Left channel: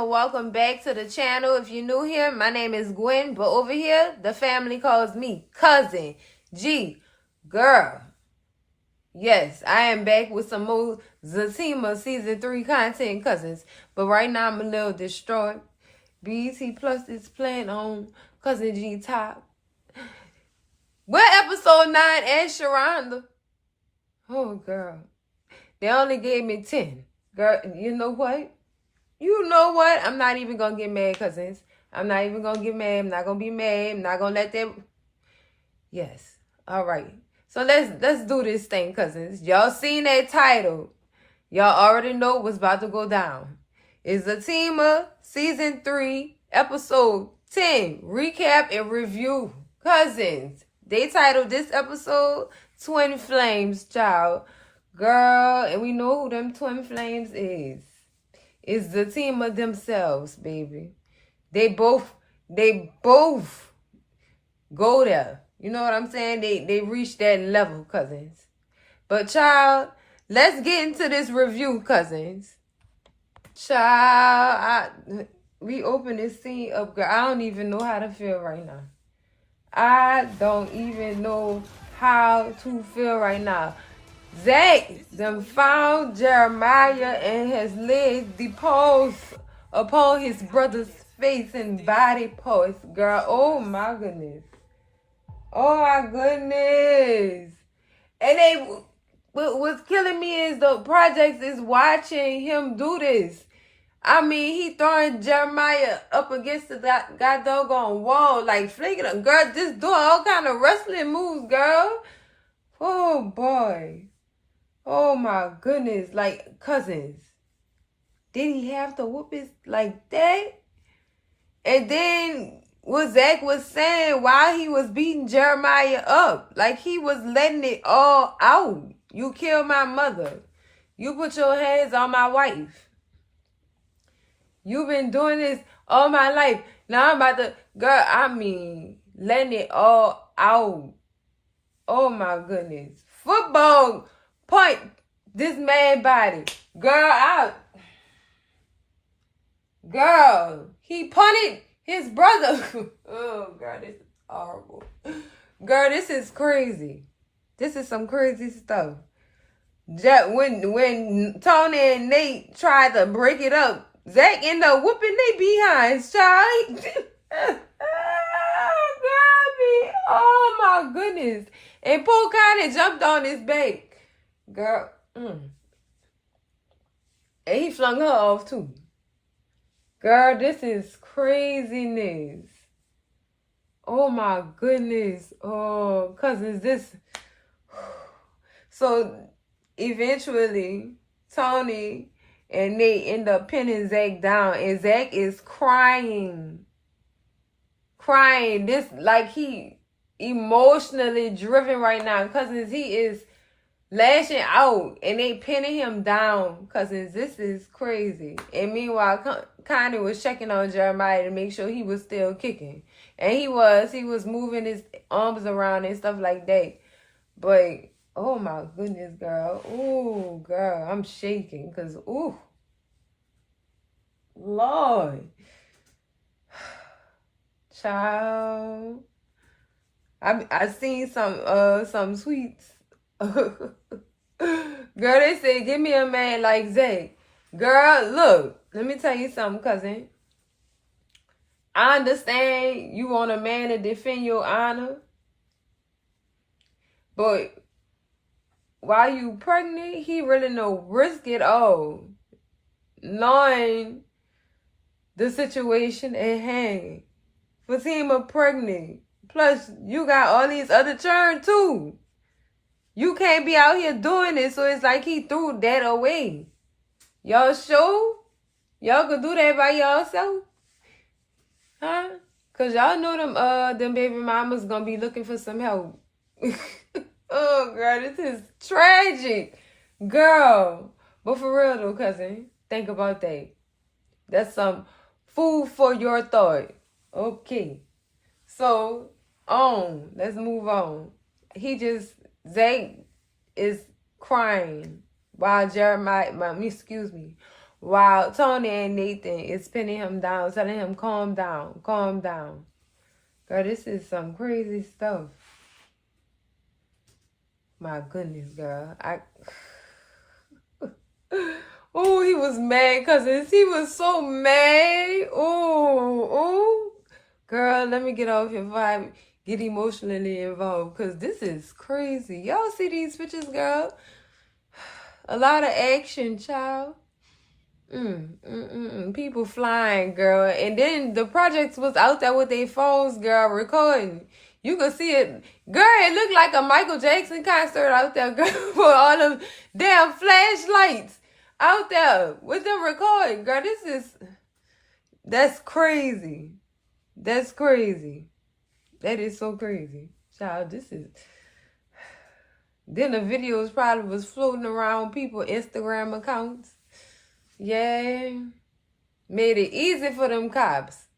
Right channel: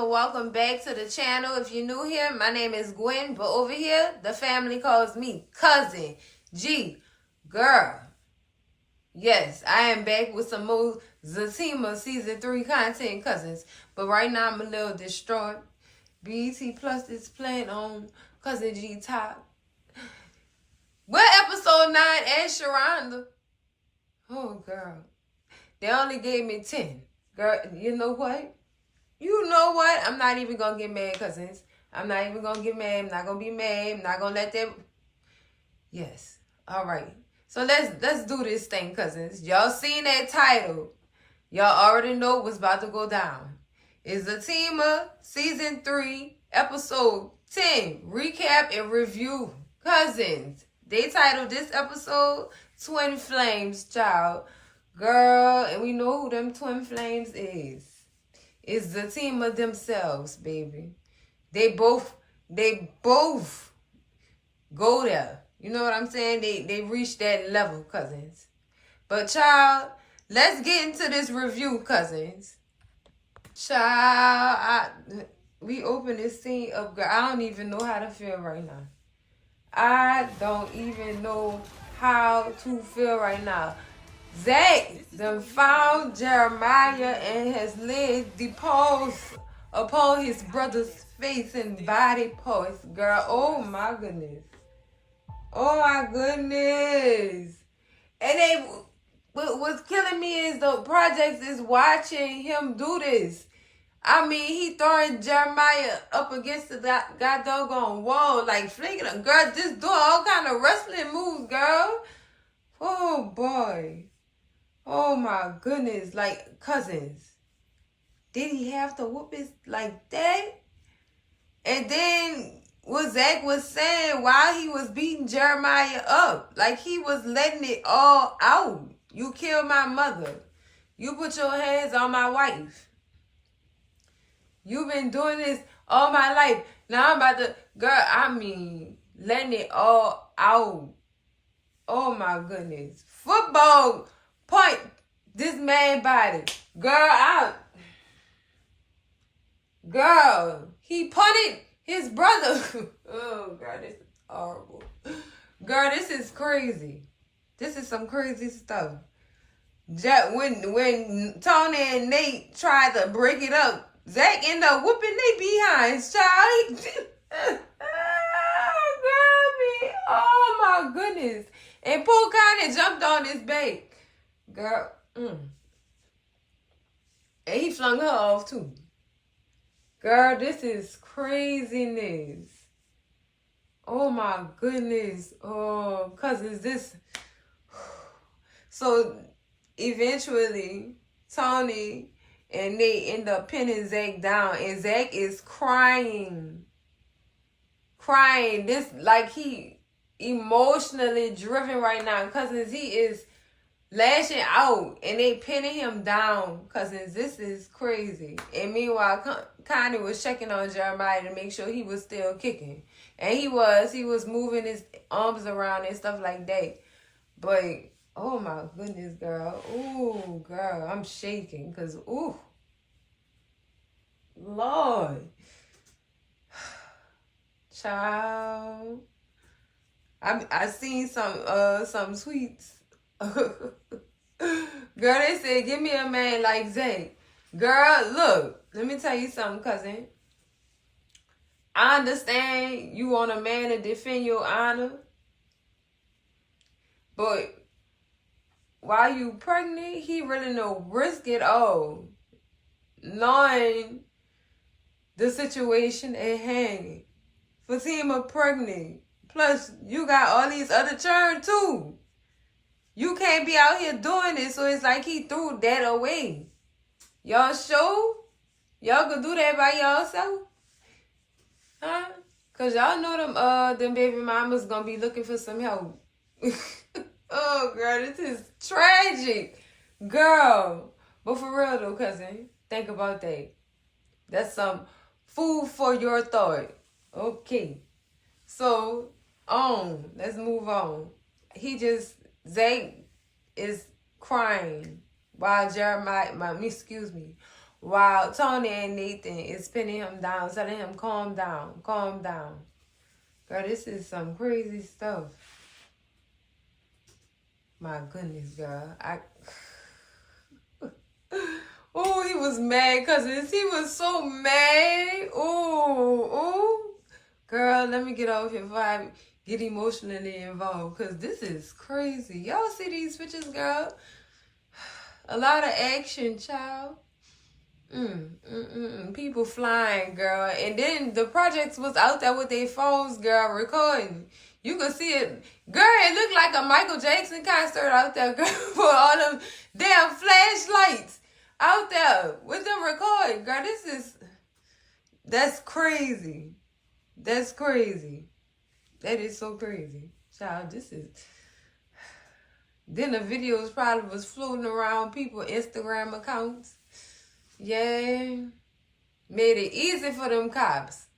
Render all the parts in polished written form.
and welcome back to the channel. If you're new here, my name is Gwen, but over here, the family calls me Cousin G. Girl. Yes, I am back with some more Zatima Season 3 content, cousins. But right now, I'm a little distraught. BET Plus is playing on Cousin G Top. We're episode 9 and Sharonda. Oh, girl. They only gave me 10. Girl, you know what? I'm not even going to get mad, cousins. I'm not even going to get mad. I'm not going to be mad. I'm not going to let them... Yes. All right. So let's do this thing, cousins. Y'all seen that title. Y'all already know what's about to go down. It's Zatima Season 3, Episode 10. Recap and review. Cousins. They titled this episode Twin Flames, child. Girl, and we know who them Twin Flames is. It's Zatima themselves, baby. They both go there. You know what I'm saying? They reach that level, cousins. But child, let's get into this review, cousins. Child, we open this scene up, girl. I don't even know how to feel right now. I don't even know how to feel right now. Zac then found Jeremiah and has laid the paws upon his brother's face and body parts. Girl, oh my goodness. Oh my goodness. And what's killing me is the projects is watching him do this. I mean, he throwing Jeremiah up against the god doggone wall, like flinging him. Girl, just doing all kind of wrestling moves, girl. Oh boy. Oh my goodness, like, cousins, did he have to whoop his like that? And then what Zac was saying while he was beating Jeremiah up, like he was letting it all out. You killed my mother. You put your hands on my wife. You've been doing this all my life. Now I'm about to, girl, I mean, letting it all out. Oh my goodness. Football point this man body. Girl, he punted his brother. Oh, girl, this is horrible. Girl, this is crazy. This is some crazy stuff. When Tony and Nate tried to break it up, Zac ended up whooping their behinds, child. Girl, oh my goodness. And Pooh kind of jumped on his back. Girl, And he flung her off too. Girl, this is craziness. Oh my goodness. Oh, cousins, this. So eventually, Tony and Nate end up pinning Zac down, and Zac is crying. This like he emotionally driven right now, cousins. He is lashing out, and they pinning him down, cousins. This is crazy. And meanwhile, Connie was checking on Jeremiah to make sure he was still kicking, and he was moving his arms around and stuff like that. But oh my goodness, girl. Ooh, girl, I'm shaking because ooh, Lord, child. I seen some tweets. Girl, they said, give me a man like Zac. Girl, look, let me tell you something, cousin. I understand you want a man to defend your honor, but while you pregnant, he really no risk at all, knowing the situation at hand. Fatima pregnant. Plus, you got all these other children too. You can't be out here doing it, so it's like he threw that away. Y'all sure? Y'all could do that by yourself? Huh? Cause y'all know them baby mamas gonna be looking for some help. Oh, girl, this is tragic. Girl. But for real though, cousin, think about that. That's some food for your thought. Okay. So, let's move on. Zac is crying while while Tony and Nathan is pinning him down, telling him, calm down, calm down. Girl, this is some crazy stuff. My goodness, girl. Oh, he was mad, cousins. He was so mad. Oh. Girl, let me get off here before I get emotionally involved, because this is crazy. Y'all see these pictures, girl? A lot of action, child. People flying, girl. And then the projects was out there with their phones, girl, recording. You could see it. Girl, it looked like a Michael Jackson concert out there, girl, for all them damn flashlights out there with them recording. Girl, that's crazy. That's crazy. That is so crazy. Child, Then the videos probably was floating around people's Instagram accounts. Yeah. Made it easy for them cops.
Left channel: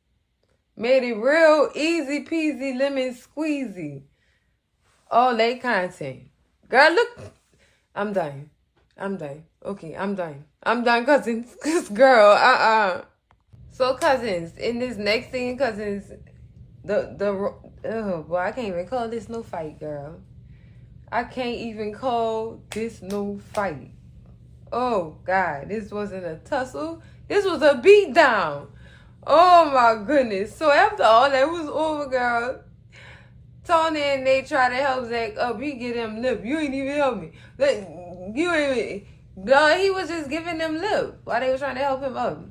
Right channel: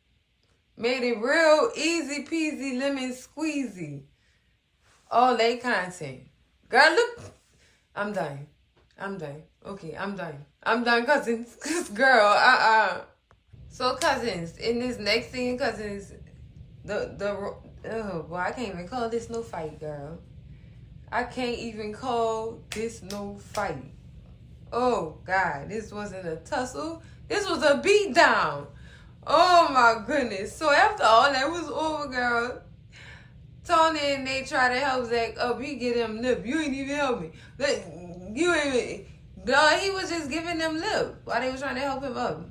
Made it real easy peasy lemon squeezy. All that content. Girl, look. I'm done. Okay, I'm done, cousins. Cause girl, So cousins, in this next scene, cousins, oh boy, I can't even call this no fight, girl. I can't even call this no fight. Oh God, this wasn't a tussle. This was a beatdown. Oh my goodness. So after all that was over, girl, Tony and they try to help Zac up. He get him lip. You ain't even help me. He was just giving them lip while they were trying to help him up.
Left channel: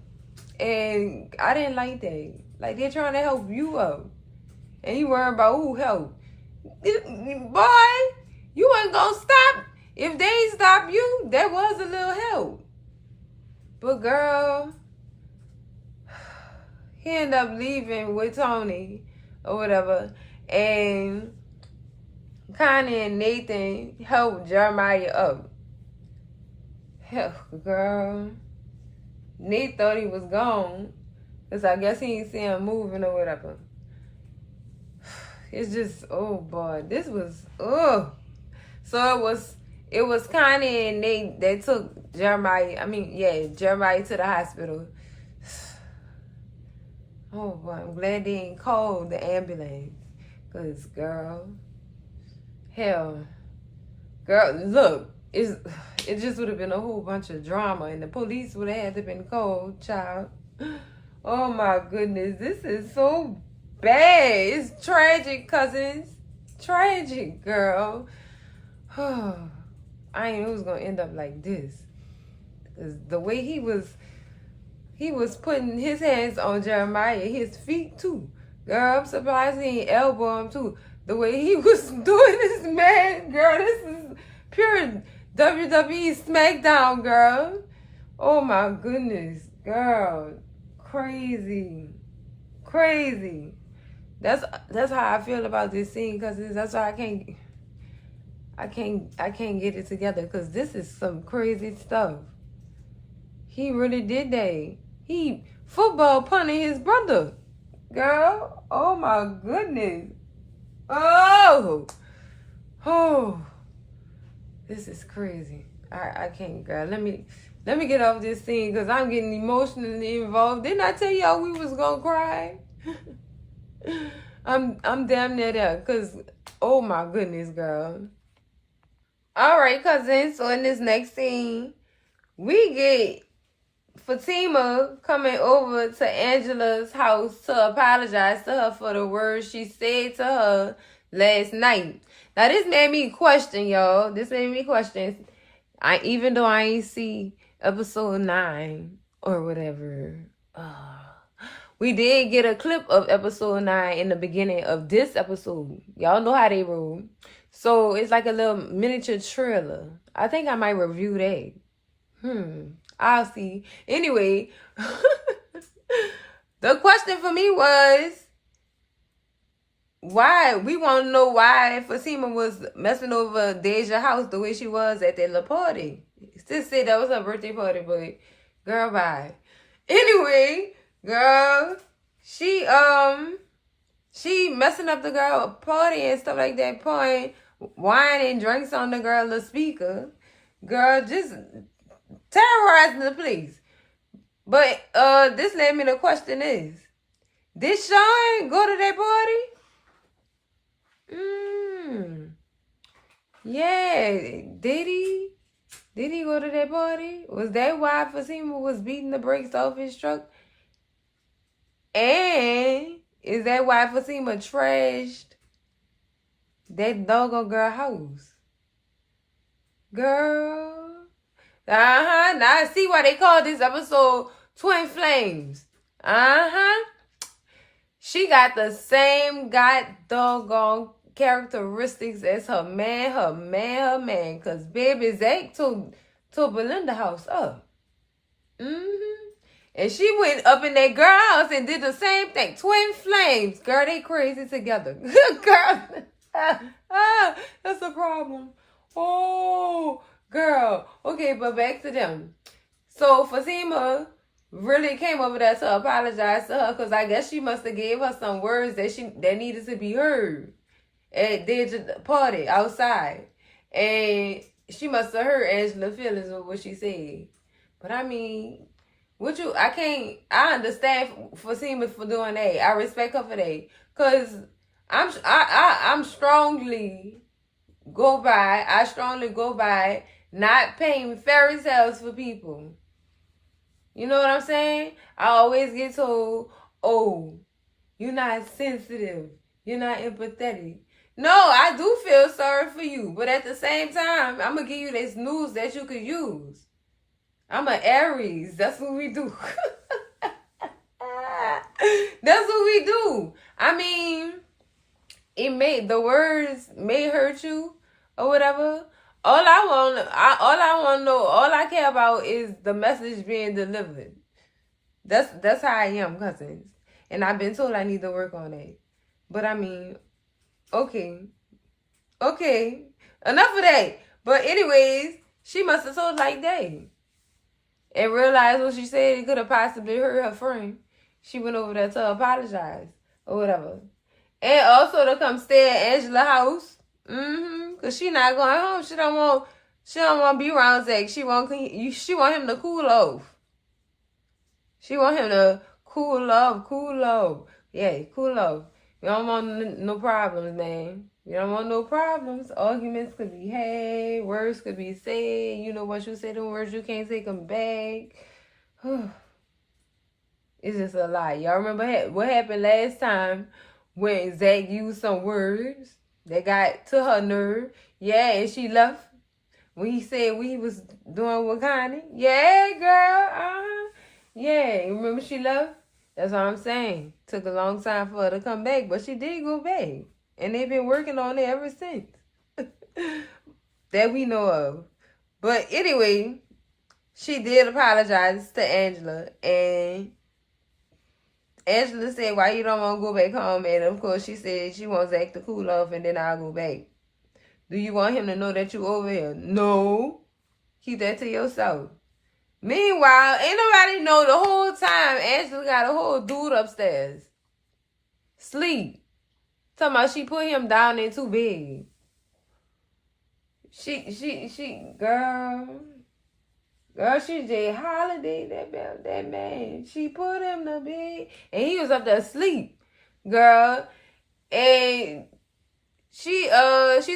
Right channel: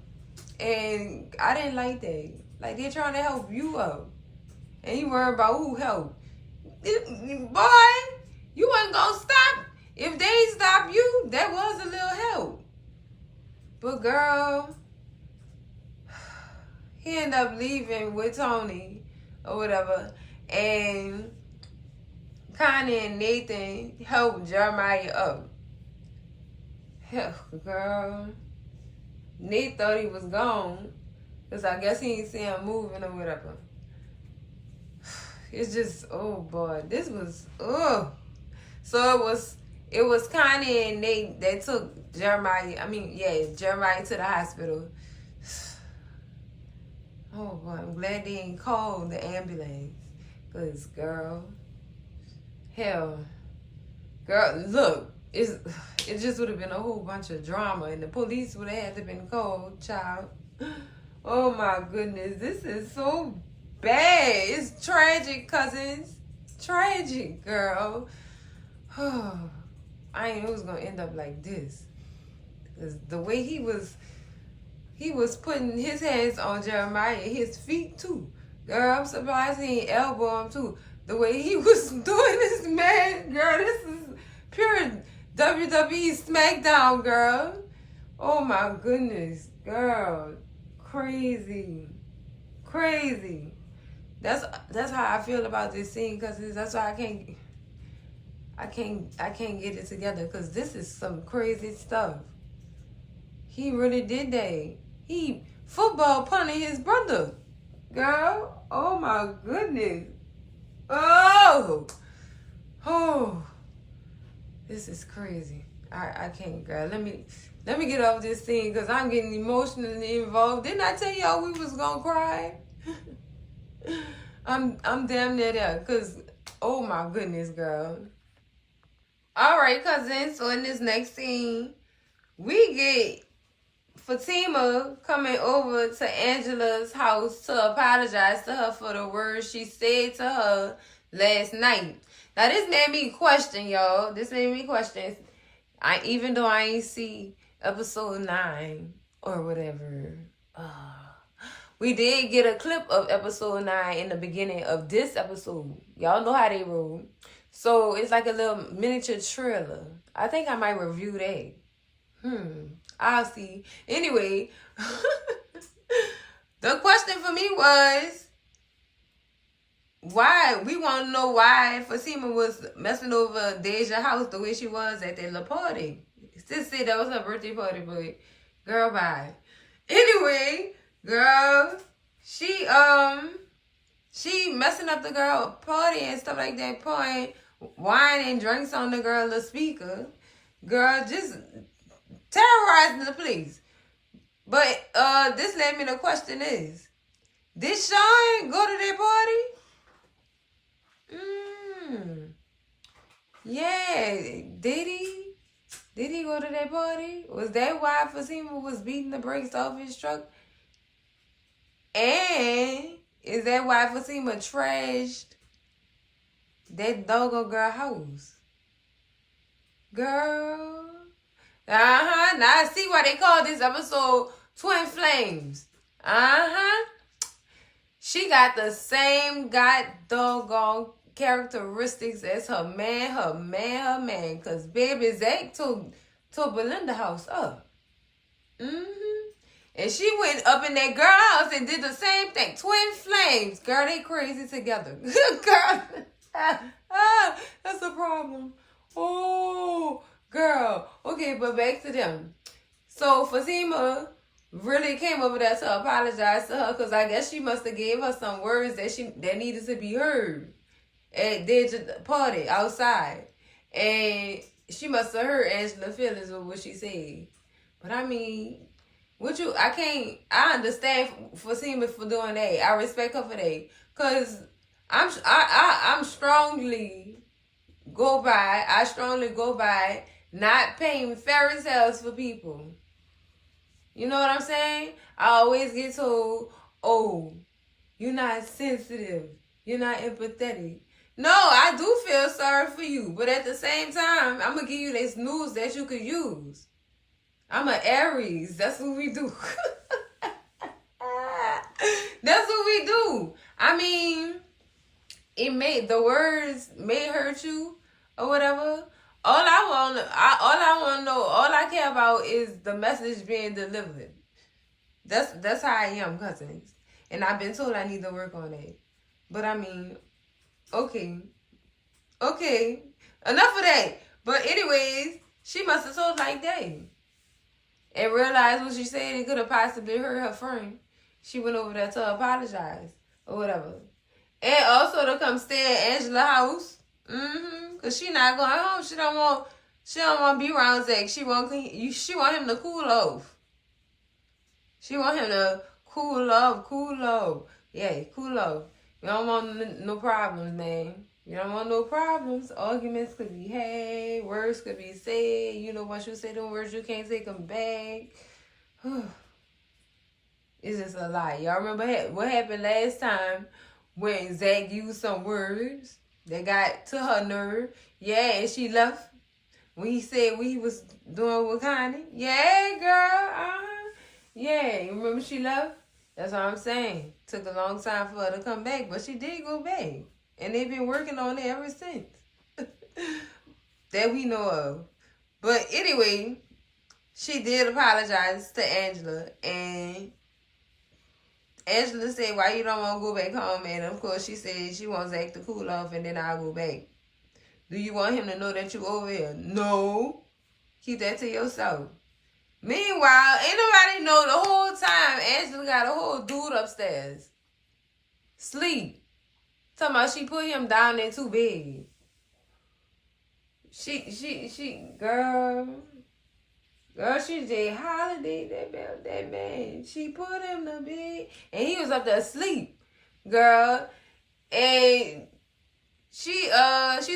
And I didn't like that. Like, they're trying to help you up. And he worried about who helped. Boy, you ain't gonna stop. If they ain't stop you, there was a little help. But girl, he ended up leaving with Tony or whatever. And Connie and Nathan helped Jeremiah up. Hell, girl. Nate thought he was gone, because I guess he didn't see him moving or whatever. It's just, oh boy, this was, oh. So it was Connie and Nate that took Jeremiah to the hospital. Oh boy, I'm glad they didn't call the ambulance. Because, girl, hell, girl, look, it just would have been a whole bunch of drama, and the police would have had to been called, child. Oh my goodness, this is so bad. It's tragic, cousins. Tragic, girl. I ain't know it was gonna end up like this. Cause the way he was putting his hands on Jeremiah, his feet too. Girl, I'm surprised he ain't elbow him too. The way he was doing this, man, girl, this is pure WWE SmackDown, girl. Oh my goodness, girl. Crazy. That's how I feel about this scene, cause that's why I can't get it together, cause this is some crazy stuff. He really did that. He football punted his brother, girl. Oh my goodness. Oh. This is crazy. I can't, girl. Let me get off this scene, because I'm getting emotionally involved. Didn't I tell y'all we was gonna cry? I'm damn near there, because oh my goodness, girl. Alright, cousins, so in this next scene, we get Fatima coming over to Angela's house to apologize to her for the words she said to her last night. Now, this made me question, y'all. This made me question. Even though I ain't see episode 9 or whatever. We did get a clip of episode 9 in the beginning of this episode. Y'all know how they roll. So, it's like a little miniature trailer. I think I might review that. I'll see. Anyway, the question for me was, why? We want to know why Fatima was messing over Deja's house the way she was at that little party. Still say that was her birthday party, but girl, bye. Anyway, girl, she messing up the girl party and stuff like that, pouring wine and drinks on the girl, the speaker. Girl, just terrorizing the place. But this led me to question is, did Sean go to that party? Yeah, did he? Did he go to that party? Was that why Fatima was beating the brakes off his truck? And is that why Fatima trashed that doggo girl house? Girl. Now I see why they call this episode Twin Flames. She got the same doggone characteristics as her man. Cause baby Zac took Belinda house up. And she went up in that girl house and did the same thing. Twin flames. Girl, they crazy together. Girl. That's a problem. Oh, girl. Okay, but back to them. So Fatima really came over there to apologize to her because I guess she must have gave her some words that needed to be heard at the party outside. And she must have hurt Angela's feelings with what she said. But I mean, I understand Fatima for doing that. I respect her for that. Cause I strongly go by not paying fairy tales for people. You know what I'm saying? I always get told, oh, you're not sensitive. You're not empathetic. No, I do feel sorry for you. But at the same time, I'm going to give you this news that you could use. I'm an Aries. That's what we do. That's what we do. I mean, the words may hurt you or whatever. All I care about is the message being delivered. That's how I am, cousins. And I've been told I need to work on it. But I mean, okay. Enough of that. But anyways, she must have told like that. And realized what she said it could have possibly hurt her friend. She went over there to apologize or whatever. And also to come stay at Angela's house. Cause she not going home. She don't want to be around Zac. She want him to cool off. She want him to cool off. Yeah, cool off. You don't want no problems, man. You don't want no problems. Arguments could be had. Words could be said. You know, once you say them words, you can't take them back. It's just a lie. Y'all remember what happened last time when Zac used some words that got to her nerve? Yeah, and she left when he said what he was doing with Connie. Yeah, girl. Yeah, remember she left? That's what I'm saying. Took a long time for her to come back, but she did go back. And they've been working on it ever since. That we know of. But anyway, she did apologize to Angela. And Angela said, why you don't want to go back home? And of course she said she wants Zac to cool off and then I'll go back. Do you want him to know that you over here? No. Keep that to yourself. Meanwhile, ain't nobody know the whole time Angela got a whole dude upstairs. Sleep. Talking about she put him down there too big. Girl, she J Holiday, that man. She put him to bed, and he was up there asleep, girl. And she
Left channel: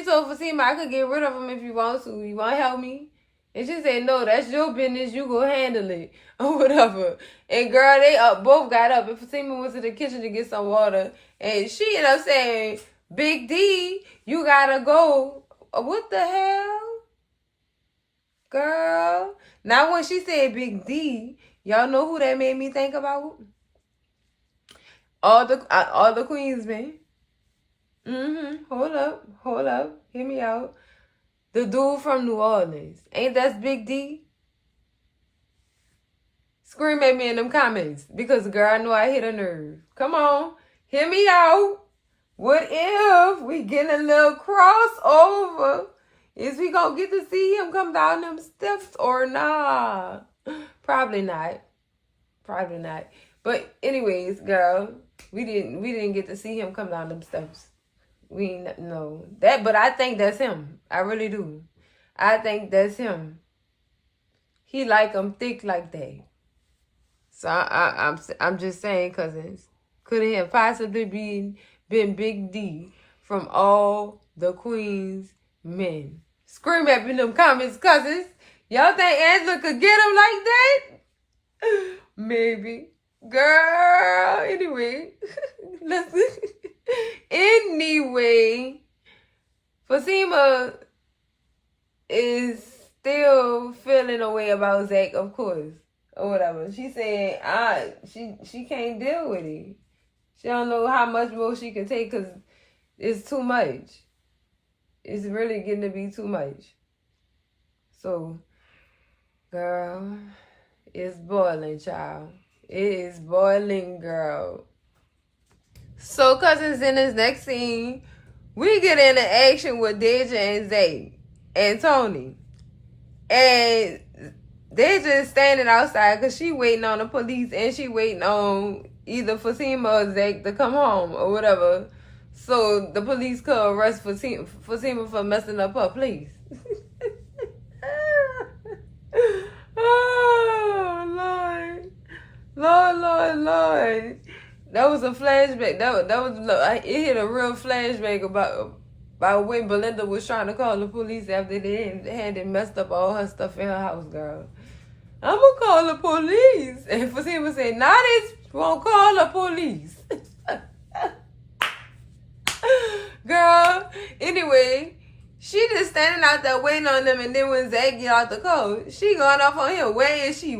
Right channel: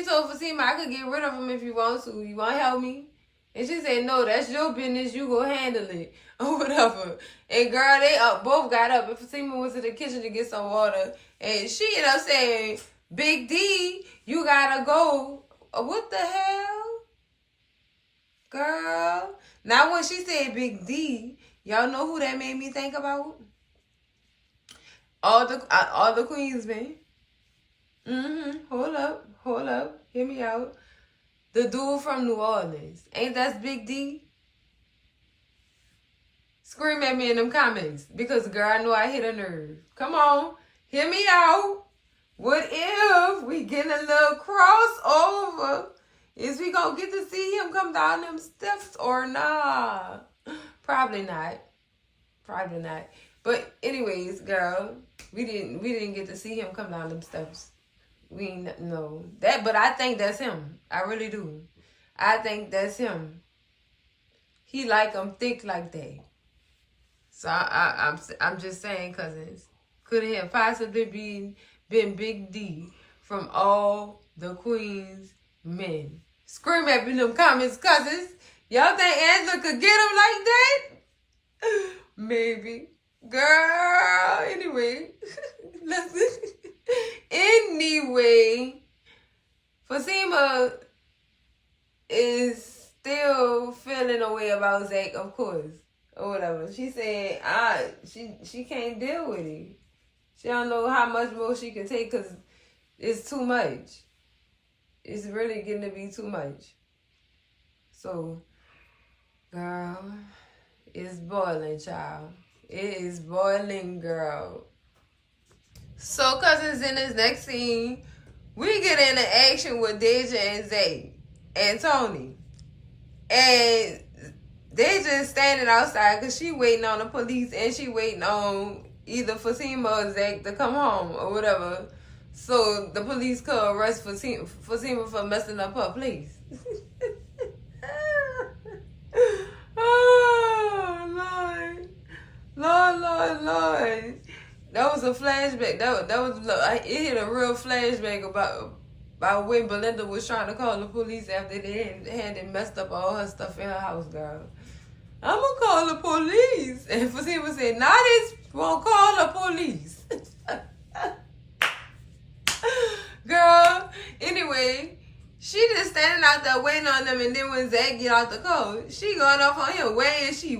told Fatima, I could get rid of him if you want to. You want to help me? And she said, no, that's your business. You go handle it or whatever. And girl, they both got up, and Fatima went to the kitchen to get some water. And she ended up saying, Big D, you gotta go. What the hell? Girl. Now when she said Big D, y'all know who that made me think about? All the Queensmen. Hold up. Hear me out. The dude from New Orleans. Ain't that Big D? Scream at me in them comments. Because girl, I know I hit a nerve. Come on. Hear me out. What if we get a little crossover? Is we gonna get to see him come down them steps or not? Probably not. But anyways, girl, we didn't get to see him come down them steps. We ain't know that, but I think that's him. I really do. I think that's him. He like them thick like that. So I'm just saying, cousins, could it have possibly been Big D from all the Queen's men? Scream at me in them comments, cousins. Y'all think Angela could get him like that? Maybe. Girl, anyway. Anyway, Fatima is still feeling a way about Zac, of course, or whatever. She said, she can't deal with it. She don't know how much more she can take because it's too much. It's really getting to be too much. So, girl, it's boiling, child. It is boiling, girl. So, cousins, in this next scene, we get into action with Deja and Zac and Tony. And Deja is standing outside because she waiting on the police and she waiting on either Fatima or Zac to come home or whatever. So the police could arrest Fatima for messing up her place. Oh, Lord. Lord. That was a flashback. That was it hit a real flashback about when Belinda was trying to call the police after they had messed up all her stuff in her house, girl. I'm gonna call the police. And Fatima said, "Not this won't call the police." Girl, anyway, she just standing out there waiting on them, and then when Zac get out the car, she going off on him. Where is she?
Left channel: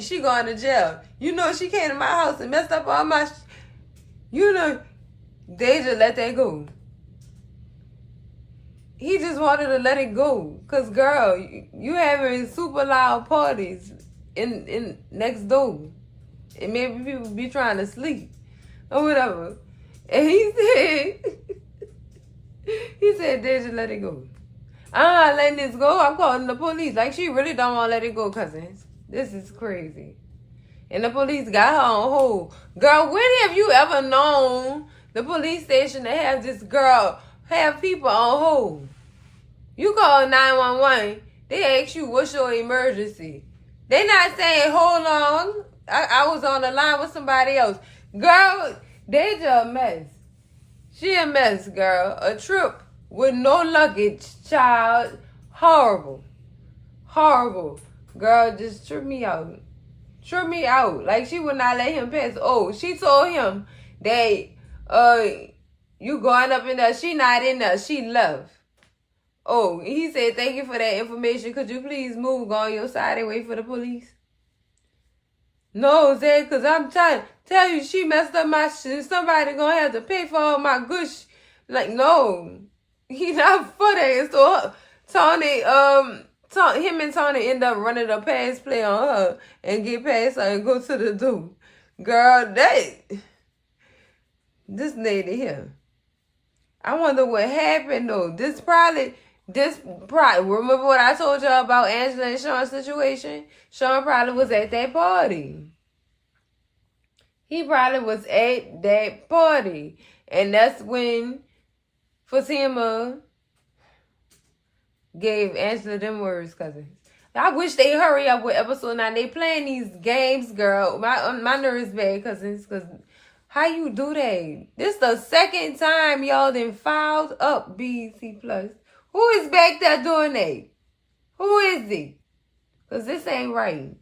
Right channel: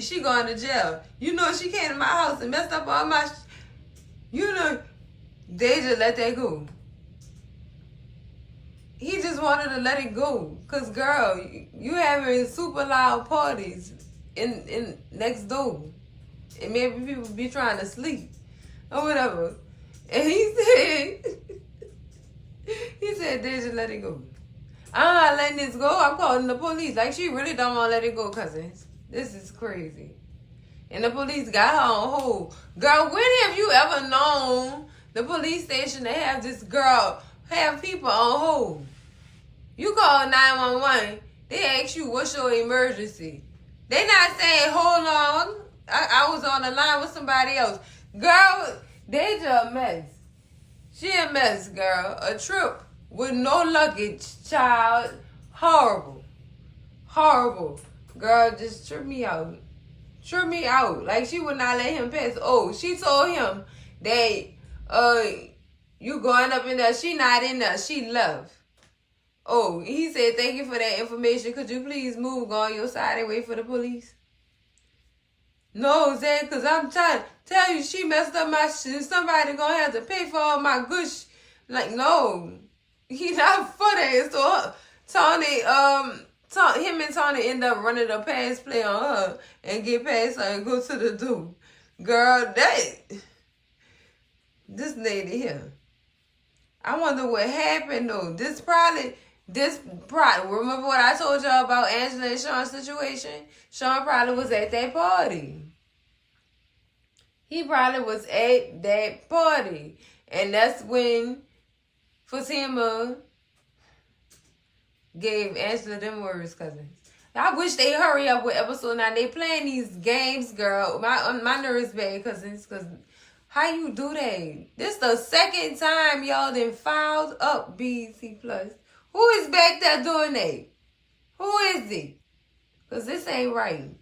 She going to jail. You know she came to my house and messed up all my Deja let that go. He just wanted to let it go. Cause girl, you having super loud parties in next door. And maybe people be trying to sleep or whatever. And he said, Deja, let it go. I'm not letting this go. I'm calling the police. Like, she really don't want to let it go, cousins. This is crazy. And the police got her on hold. Girl, when have you ever known the police station to have this girl have people on hold? You call 911, they ask you, what's your emergency? They not saying, hold on, I was on the line with somebody else. Girl, Deja a mess. She a mess, girl. A trip with no luggage, child. Horrible. Girl, just trip me out. Like, she would not let him pass. Oh, she told him that you going up in there. She not in there. She left. Oh, he said, thank you for that information. Could you please move, go on your side and wait for the police? No, Zed, because I'm trying to tell you, she messed up my shit. Somebody gonna have to pay for all my good shit. Like, no. He not for that. So, him and Tony end up running a pass play on her and get past her and go to the door. Girl, this lady here. I wonder what happened, though. This probably, remember what I told y'all about Angela and Sean's situation? Sean probably was at that party. He probably was at that party. And that's when Fatima gave Angela them words, cousins. I wish they hurry up with episode 9. They playing these games, girl. My nerves bad, cousins, because how you do that? This the second time y'all done filed up BET Plus. Who is back there doing that? Who is it? Because this ain't right.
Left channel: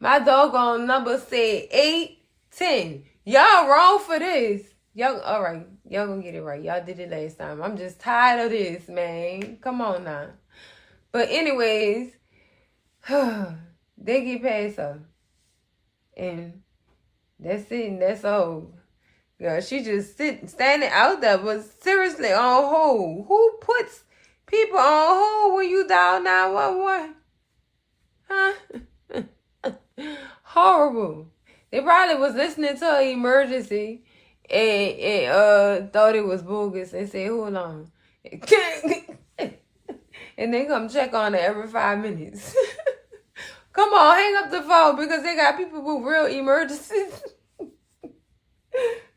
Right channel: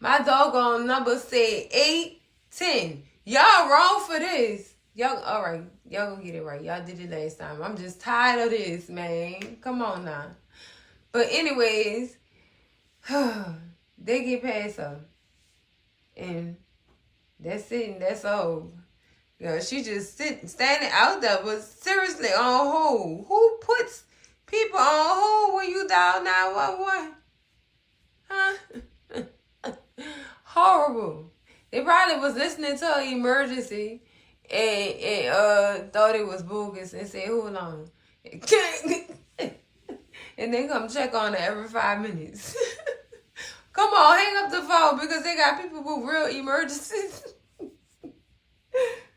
My doggone number said 8-10. Y'all wrong for this. Y'all, all right. Y'all gonna get it right. Y'all did it last time. I'm just tired of this, man. Come on now. But anyways, they get past her. And that's it, and that's all. Girl, she just standing out there, but seriously on hold. Who puts people on hold when you dial 911? Huh? Horrible. They probably was listening to an emergency and thought it was bogus and said, hold on. And they come check on it every 5 minutes. Come on, hang up the phone because they got people with real emergencies.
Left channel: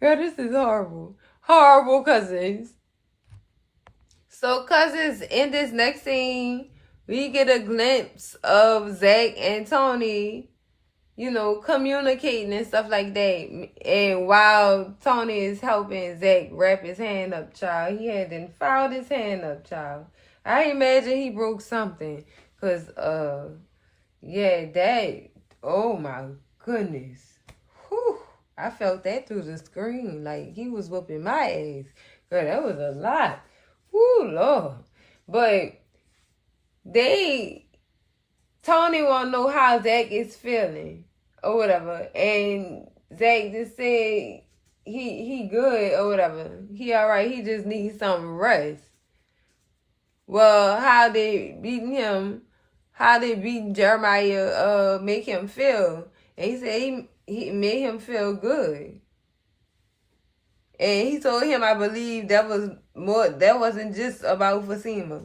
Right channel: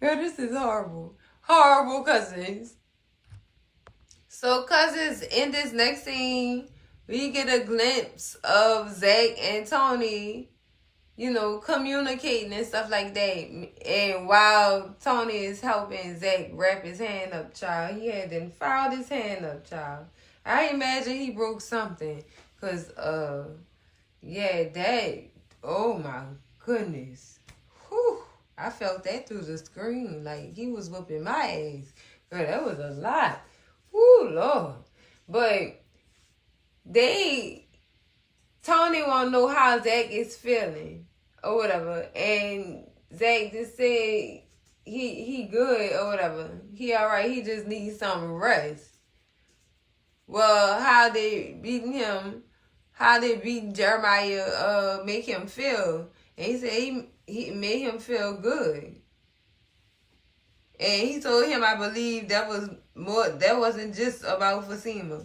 Girl, this is horrible. Horrible, cousins. So, cousins, in this next scene, we get a glimpse of Zac and Tony, you know, communicating and stuff like that. And while Tony is helping Zac wrap his hand up, child, he had then filed his hand up, child. I imagine he broke something. Because, yeah, that, oh my goodness. Whew, I felt that through the screen. Like, he was whooping my ass. Girl, that was a lot. Whew, Lord. But Tony want to know how Zac is feeling or whatever. And Zac just said he good or whatever. He all right. He just needs some rest. Well, how they beating Jeremiah make him feel. And he said he made him feel good. And he told him, I believe that wasn't just about Fatima.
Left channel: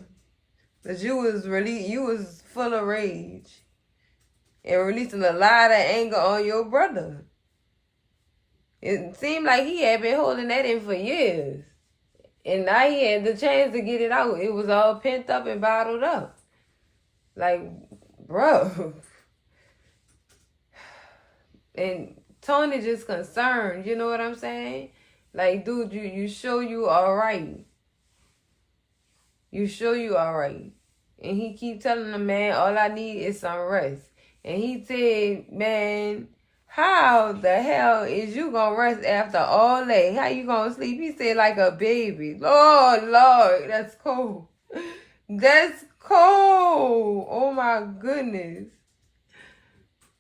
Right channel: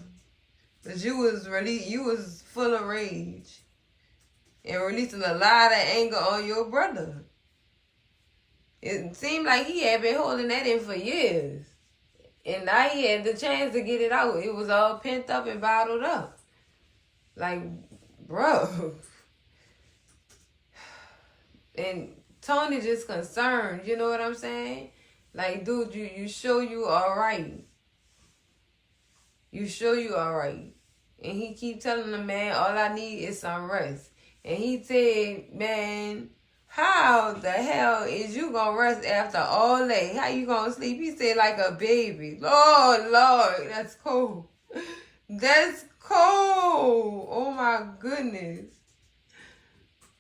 But you was full of rage. And releasing a lot of anger on your brother. It seemed like he had been holding that in for years. And now he had the chance to get it out. It was all pent up and bottled up. Like, bro. And Tony just concerned, you know what I'm saying? Like, dude, you sure you alright? You sure you alright? And he keep telling the man, all I need is some rest. And he said, man, how the hell is you gonna rest after all that? How you gonna sleep? He said, like a baby. Lord, that's cold. That's cold. Oh my goodness.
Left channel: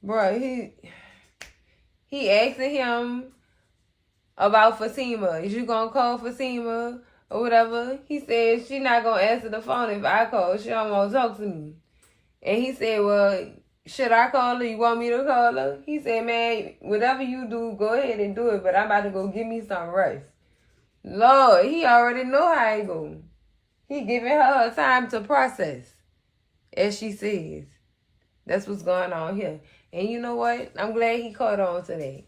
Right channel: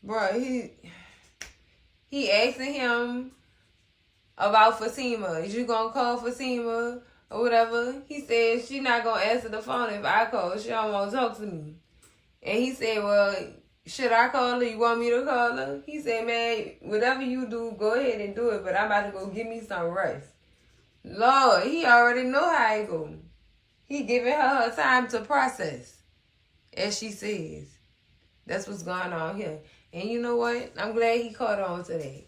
Bro, he asking him about Fatima. Is you gonna call Fatima or whatever? He said she not gonna answer the phone if I call. She don't want to talk to me. And he said, well, should I call her? You want me to call her? He said, man, whatever you do, go ahead and do it. But I'm about to go give me some rest. Lord, he already know how it go. He giving her time to process, as she says. That's what's going on here. And you know what? I'm glad he caught on to that.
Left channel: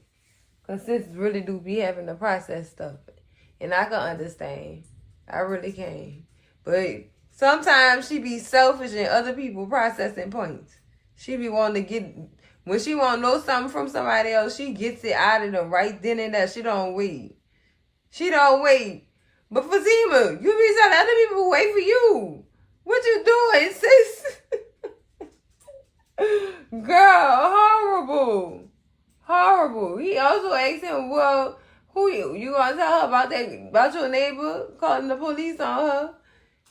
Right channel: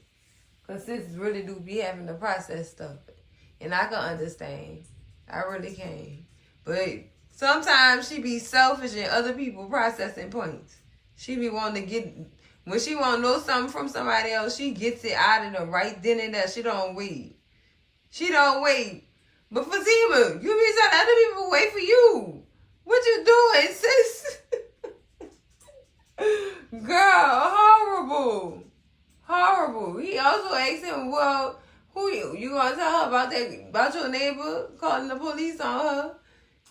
Because sisters really do be having to process stuff. And I can understand. I really can. But sometimes she be selfish and other people processing points. She be wanting to get, when she want to know something from somebody else, she gets it out of them right then and there. She don't wait. She don't wait. But Fatima, you be telling other people wait for you. What you doing, sis? Girl, horrible. Horrible. He also asked him, well, who you gonna tell her about that, about your neighbor calling the police on her?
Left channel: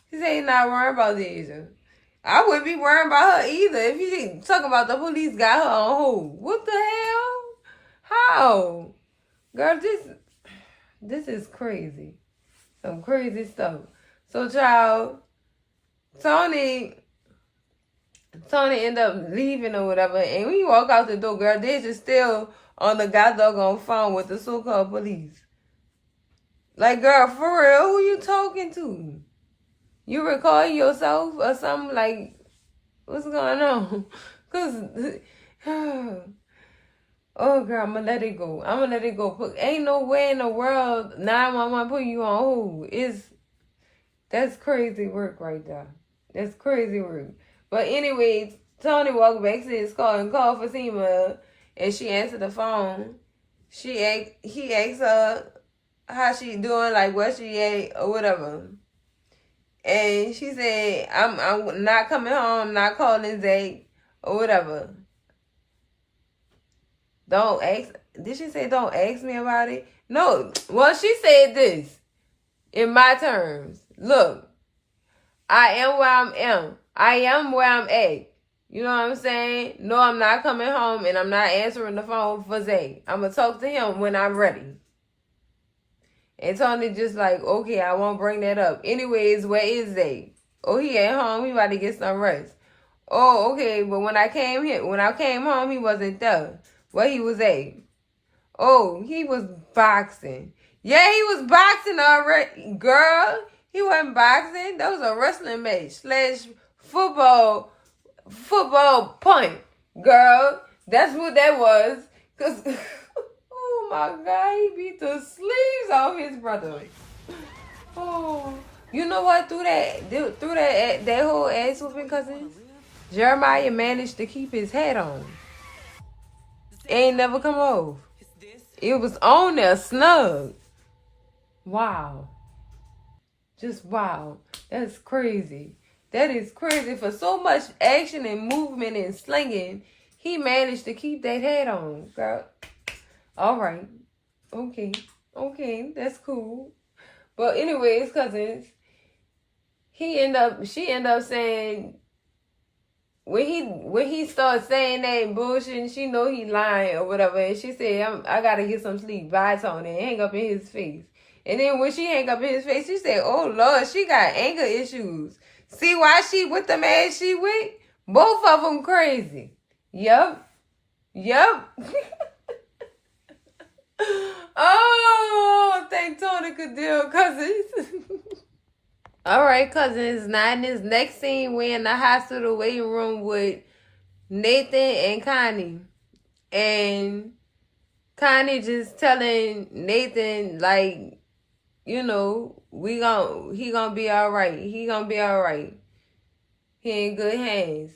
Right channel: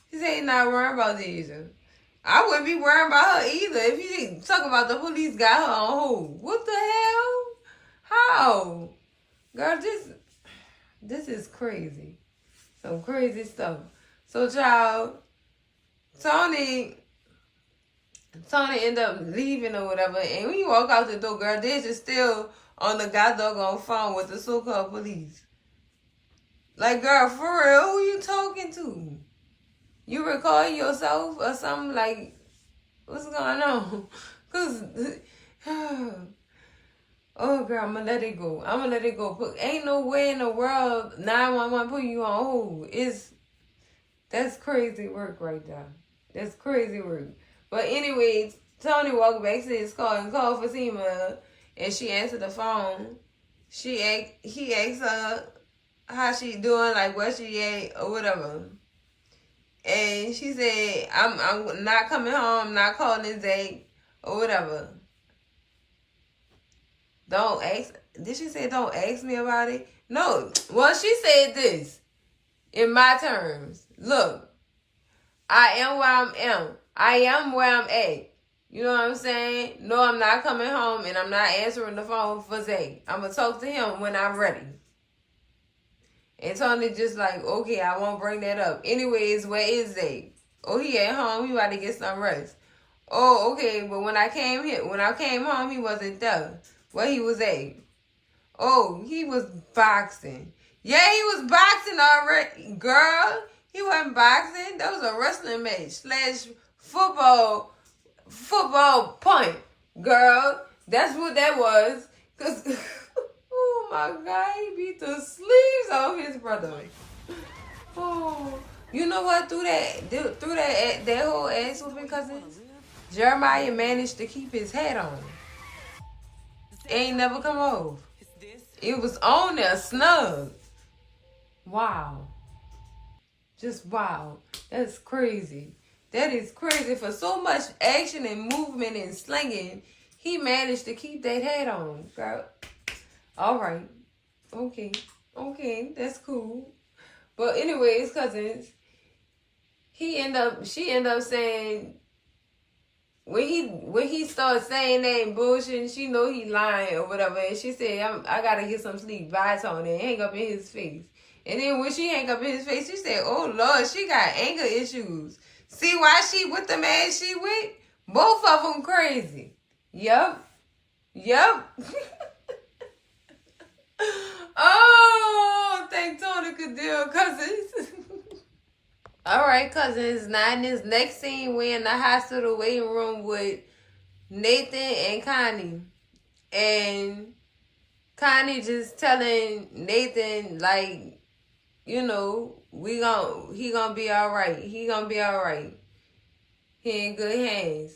He said he's not worried about this. I wouldn't be worrying about her either if he didn't talk about the police got her on hold. What the hell? How? Girl, this is crazy. Some crazy stuff. So, child, Tony ended up leaving or whatever. And when you walk out the door, girl, they're just still on the goddamn phone with the so-called police. Like, girl, for real, who you talking to? You recording yourself or something? Like, what's going on? Because, oh, girl, I'm going to let it go. I'm going to let it go. Ain't no way in the world 911 put you on hold. That's crazy work right there. That's crazy work. But anyways, Tony walked back to his car and called Fatima, and she answered the phone. He asked her how she doing, like where she at or whatever. And she said, I'm not coming home, I'm not calling Zac or whatever. Don't ask. Did she say don't ask me about it? No. Well, she said this in my terms. Look, I am where I am. I am where I'm at. You know what I'm saying? No, I'm not coming home and I'm not answering the phone for Zac. I'm going to talk to him when I'm ready. And Tony just like, okay, I won't bring that up. Anyways, where is Zac? Oh, he at home. He about to get some rest. Oh, okay, but when I came home, he wasn't there. Where he was at? Oh, he was boxing. Yeah, he was boxing already. Girl, he wasn't boxing. That was a wrestling match / football punt. Girl, that's what that was. Because, oh my God, he beat the sleeves off his brother. Oh, You know what? Through that whole ass whooping, cousins, Jeremiah managed to keep his hat on. Ain't never come off. It was on there, snug. Wow. Just wow. That's crazy. That is crazy. For so much action and movement and slinging, he managed to keep that hat on, girl. All right. Okay. Okay. That's cool. But anyways, cousins, she end up saying, when he starts saying that bullshit, she know he lying or whatever, and she said, I gotta get some sleep. Bye, Tony. And hang up in his face. And then when she hang up in his face, she said, oh, Lord, she got anger issues. See why she with the man she with? Both of them crazy. Yup. Oh, thank Tony could deal, cousins. All right, cousins. Now in this next scene, we're in the hospital waiting room with Nathan and Connie. And Connie just telling Nathan, like, you know, he gonna be all right. He gonna be all right. He in good hands.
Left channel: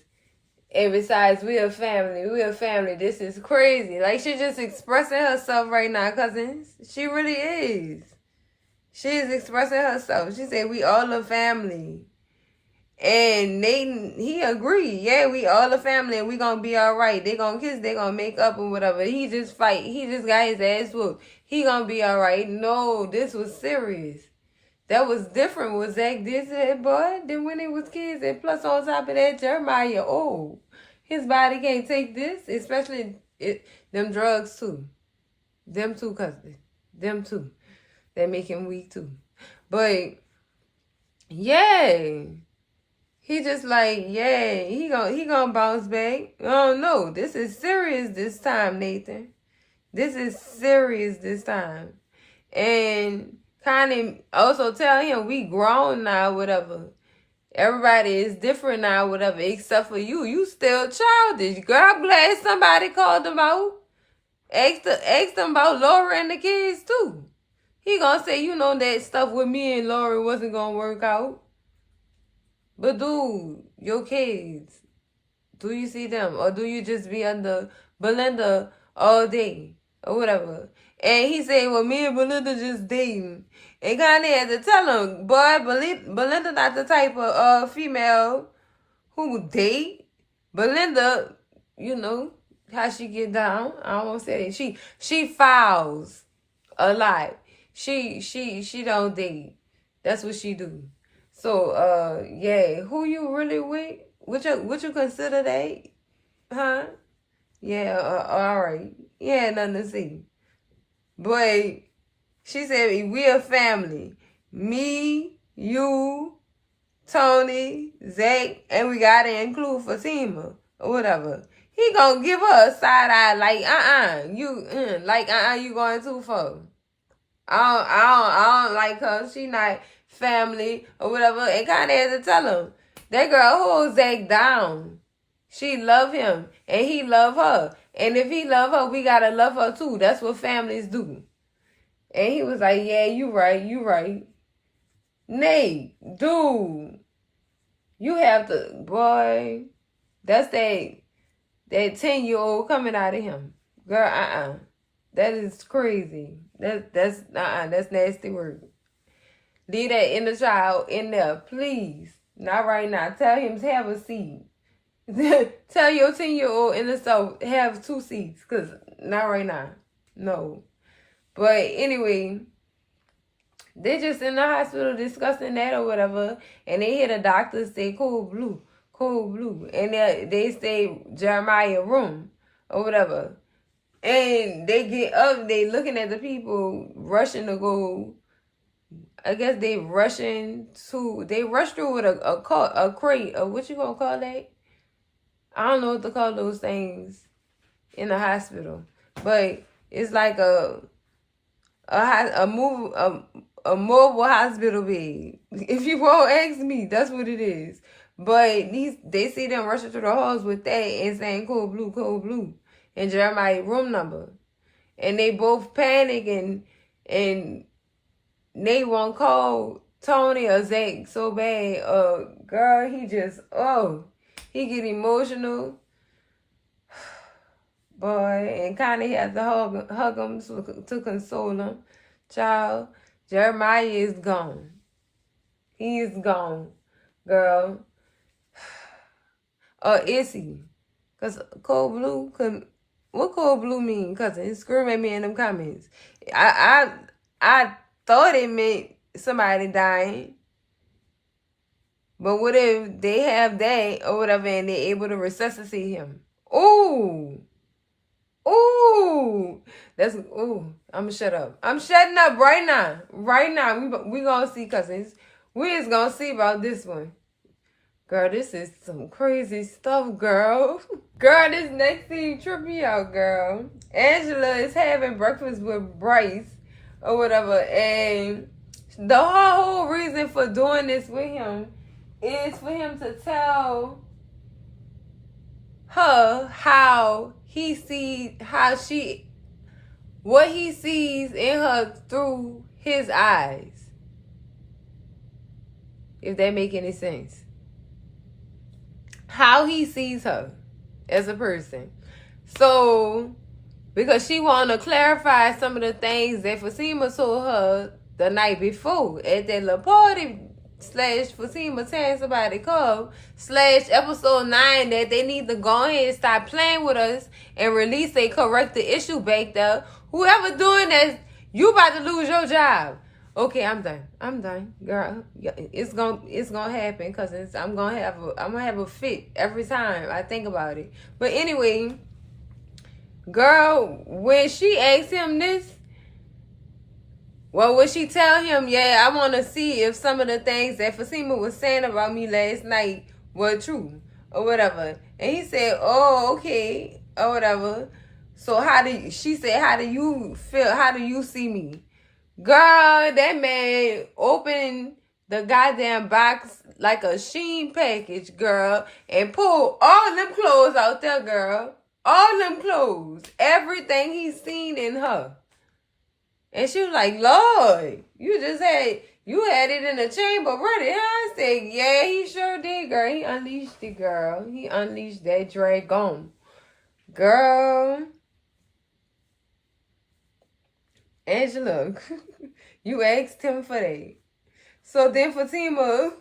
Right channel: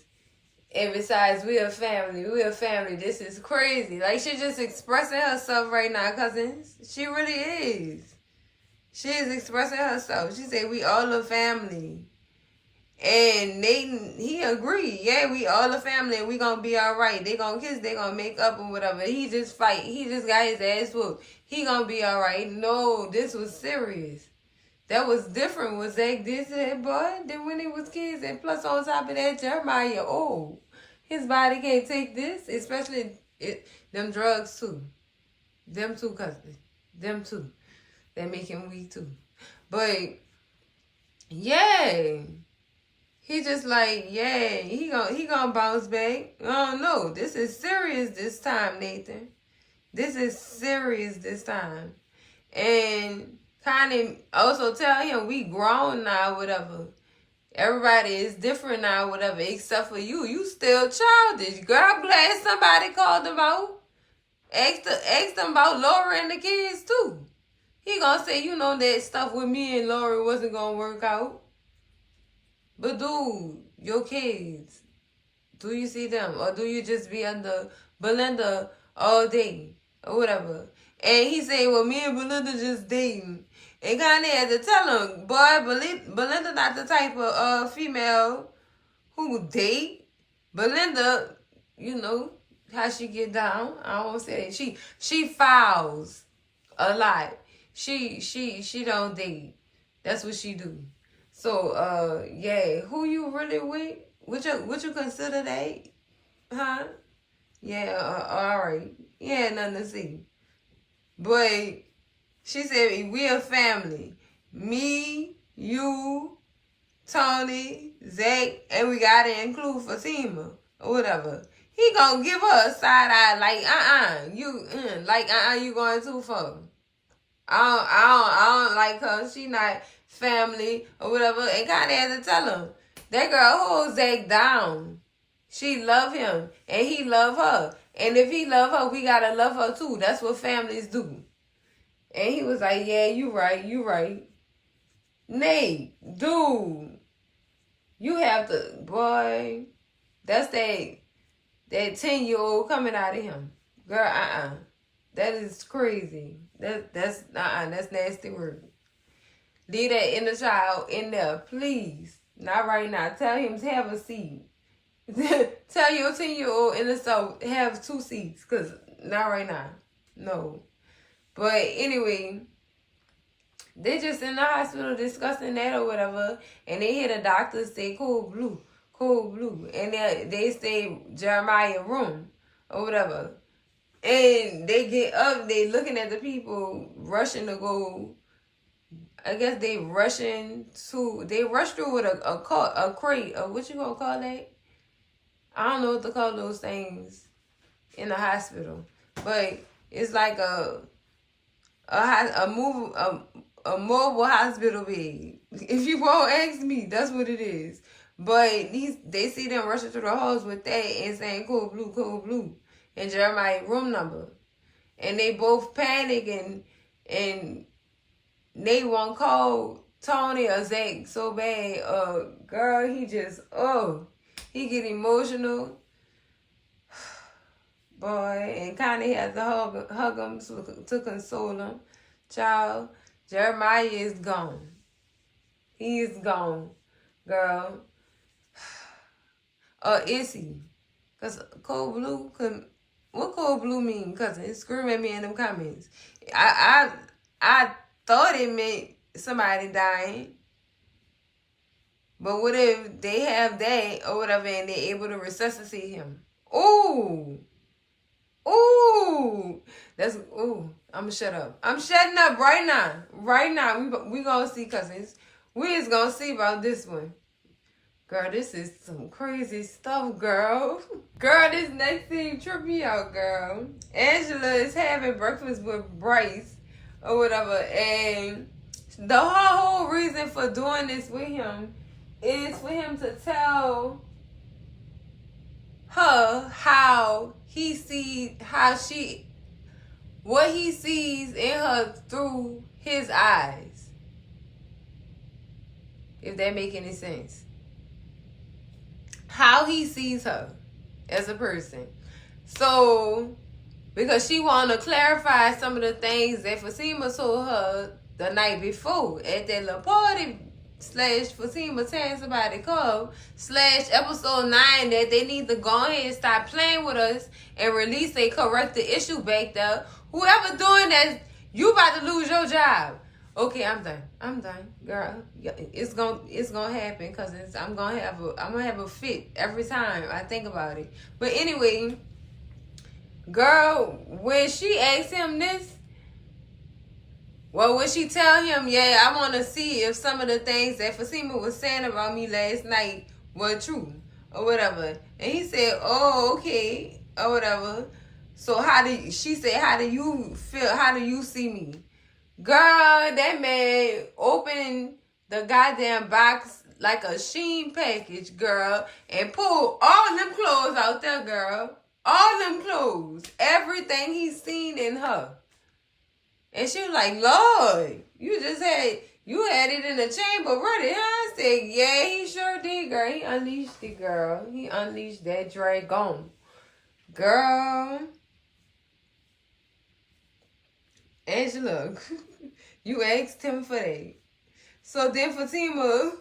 And besides, we a family. This is crazy. Like, she just expressing herself right now, cousins. She really is. She is expressing herself. She said, we all a family. And Nathan, he agreed. Yeah, we all a family and we gonna be all right. They gonna kiss, they gonna make up or whatever. He just fight. He just got his ass whooped. He gonna be all right. No, this was serious. That was different what Zac did to boy than when he was kids. And plus on top of that, Jeremiah, his body can't take this, especially them drugs too. Them too, cousin. Them too. They make him weak too. But yeah. He just like, yeah, he gonna bounce back. Oh no, this is serious this time, Nathan. This is serious this time. And kind of also tell him we grown now, whatever. Everybody is different now, whatever, except for you. You still childish. Girl, I'm glad somebody called him out. Asked them about Laura and the kids too. He gonna say, you know, that stuff with me and Laura wasn't gonna work out. But dude, your kids, do you see them? Or do you just be under Belinda all day? Or whatever. And he said, well, me and Belinda just dating. And Kanye had to tell him, boy, Belinda not the type of female who date. Belinda, you know, how she get down. I don't want to say that. She fouls a lot. She don't date. That's what she do. So, yeah, who you really with? What you consider that? Huh? Yeah, all right. Yeah, nothing to see. But she said, we a family. Me, you, Tony, Zac, and we got to include Fatima or whatever. He gonna give her a side eye like, you going too far. I don't like her. She not family or whatever. And kind of had to tell him, that girl holds Zac down. She love him and he love her. And if he love her, we gotta love her too. That's what families do. And he was like, yeah, you right. Nate, dude, you have to, boy, that's that 10-year-old coming out of him. Girl, that is crazy. That's nasty word. Leave that inner child in there, please. Not right now. Tell him to have a seat. Tell your 10-year-old in the self have 2 seats, cause not right now. No. But anyway, they just in the hospital discussing that or whatever, and they hear the doctor say cold blue, and they say Jeremiah room or whatever. And they get up, they looking at the people rushing to go. I guess they rush through with a crate, or what you gonna call that? I don't know what to call those things in the hospital, but it's like a mobile hospital bed. If you won't ask me, that's what it is. But they see them rushing through the halls with that and saying cold blue, and Jeremiah room number, and they both panic and they won't call Tony or Zac so bad. Girl, he just, he get emotional. Boy, and kind of had to hug him to console him. Child, Jeremiah is gone. He is gone, girl. Or is he? Because cold blue, what cold blue mean? Because it screaming at me in them comments. I thought it meant somebody dying. But what if they have that or whatever and they're able to resuscitate him? Ooh. Ooh. I'm gonna shut up. I'm shutting up right now. Right now. We gonna see, cousins. We is gonna see about this one. Girl, this is some crazy stuff, girl. Girl, this next thing tripped me out, girl. Angela is having breakfast with Bryce or whatever, and the whole reason for doing this with him is for him to tell her what he sees in her through his eyes. If that make any sense. How he sees her as a person. So, because she wanted to clarify some of the things that Fatima told her the night before at that little party / Fatima telling somebody called / episode 9 that they need to go ahead and stop playing with us and release a corrected issue back there. Whoever doing that, you about to lose your job. Okay, I'm done, girl. It's gonna happen because I'm gonna have a fit every time I think about it. But anyway, girl, when she asked him this, well, would she tell him, yeah, I want to see if some of the things that Fatima was saying about me last night were true or whatever? And he said, oh, okay, or whatever. So she said, how do you feel? How do you see me? Girl, that man opened the goddamn box like a Shein package, girl, and pulled all them clothes out there, girl. All them clothes. Everything he's seen in her. And she was like, Lord, you had it in the chamber ready, huh? I said, yeah, he sure did, girl. He unleashed it, girl. He unleashed that dragon. Girl. Angela, you asked him for that. So then Fatima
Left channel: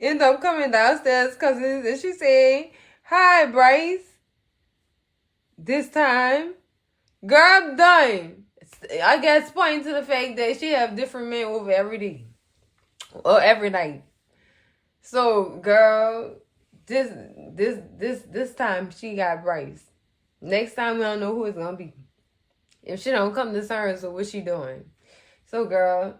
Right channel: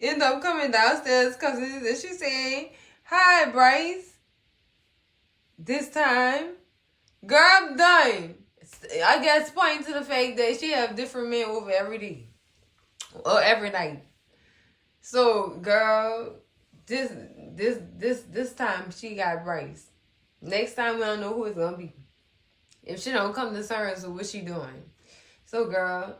ended up coming downstairs, cousins, and she said, hi, Bryce. This time, girl, I'm done. I guess pointing to the fact that she have different men over every day or every night. So, girl, this time she got Bryce. Next time we don't know who it's gonna be. If she don't come to terms with what she doing. So, girl,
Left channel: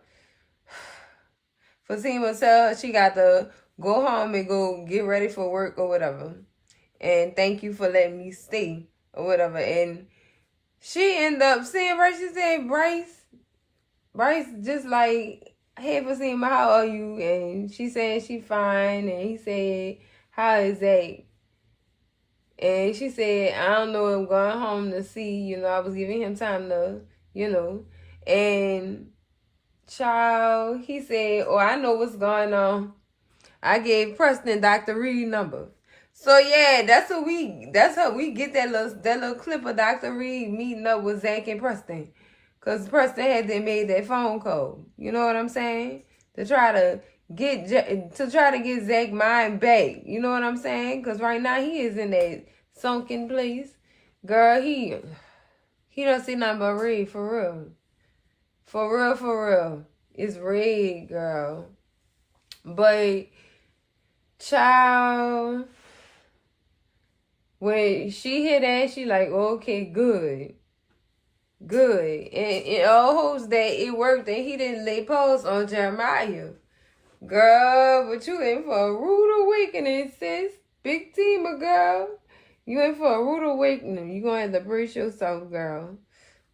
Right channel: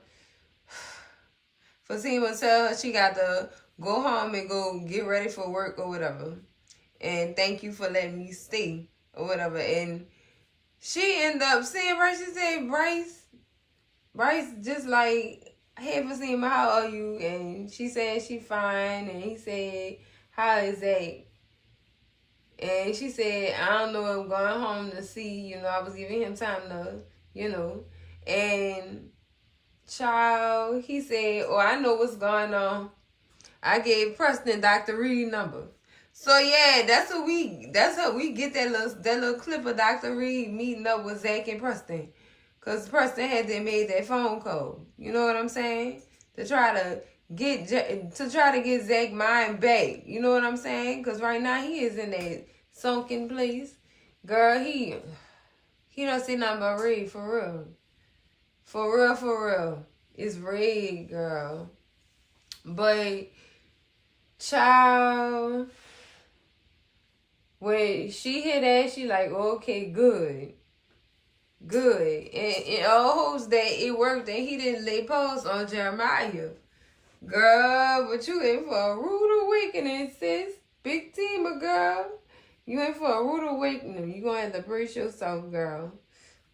Fatima tell her she got to go home and go get ready for work or whatever. And thank you for letting me stay or whatever. And she ended up seeing Bryce. She said, Bryce just like, hey, Fatima, how are you? And she said she fine. And he said, how is that? And she said, I don't know, I'm going home to see, I was giving him time to, And child, he said, oh, I know what's going on. I gave Preston Dr. Reed number. So yeah, that's how we get that little clip of Dr. Reed meeting up with Zac and Preston. Cause Preston had made that phone call. You know what I'm saying? To try to get Zac mind back. You know what I'm saying? Cause right now he is in that sunken place. Girl, he don't see nothing but red for real. For real. It's red, girl. But child, when she hear that, she like, okay, good. And it all holds that it worked and he didn't lay pause on Jeremiah. Girl, but you in for a rude awakening, sis. Big team of girl. You in for a rude awakening. You gonna have to brace yourself, girl.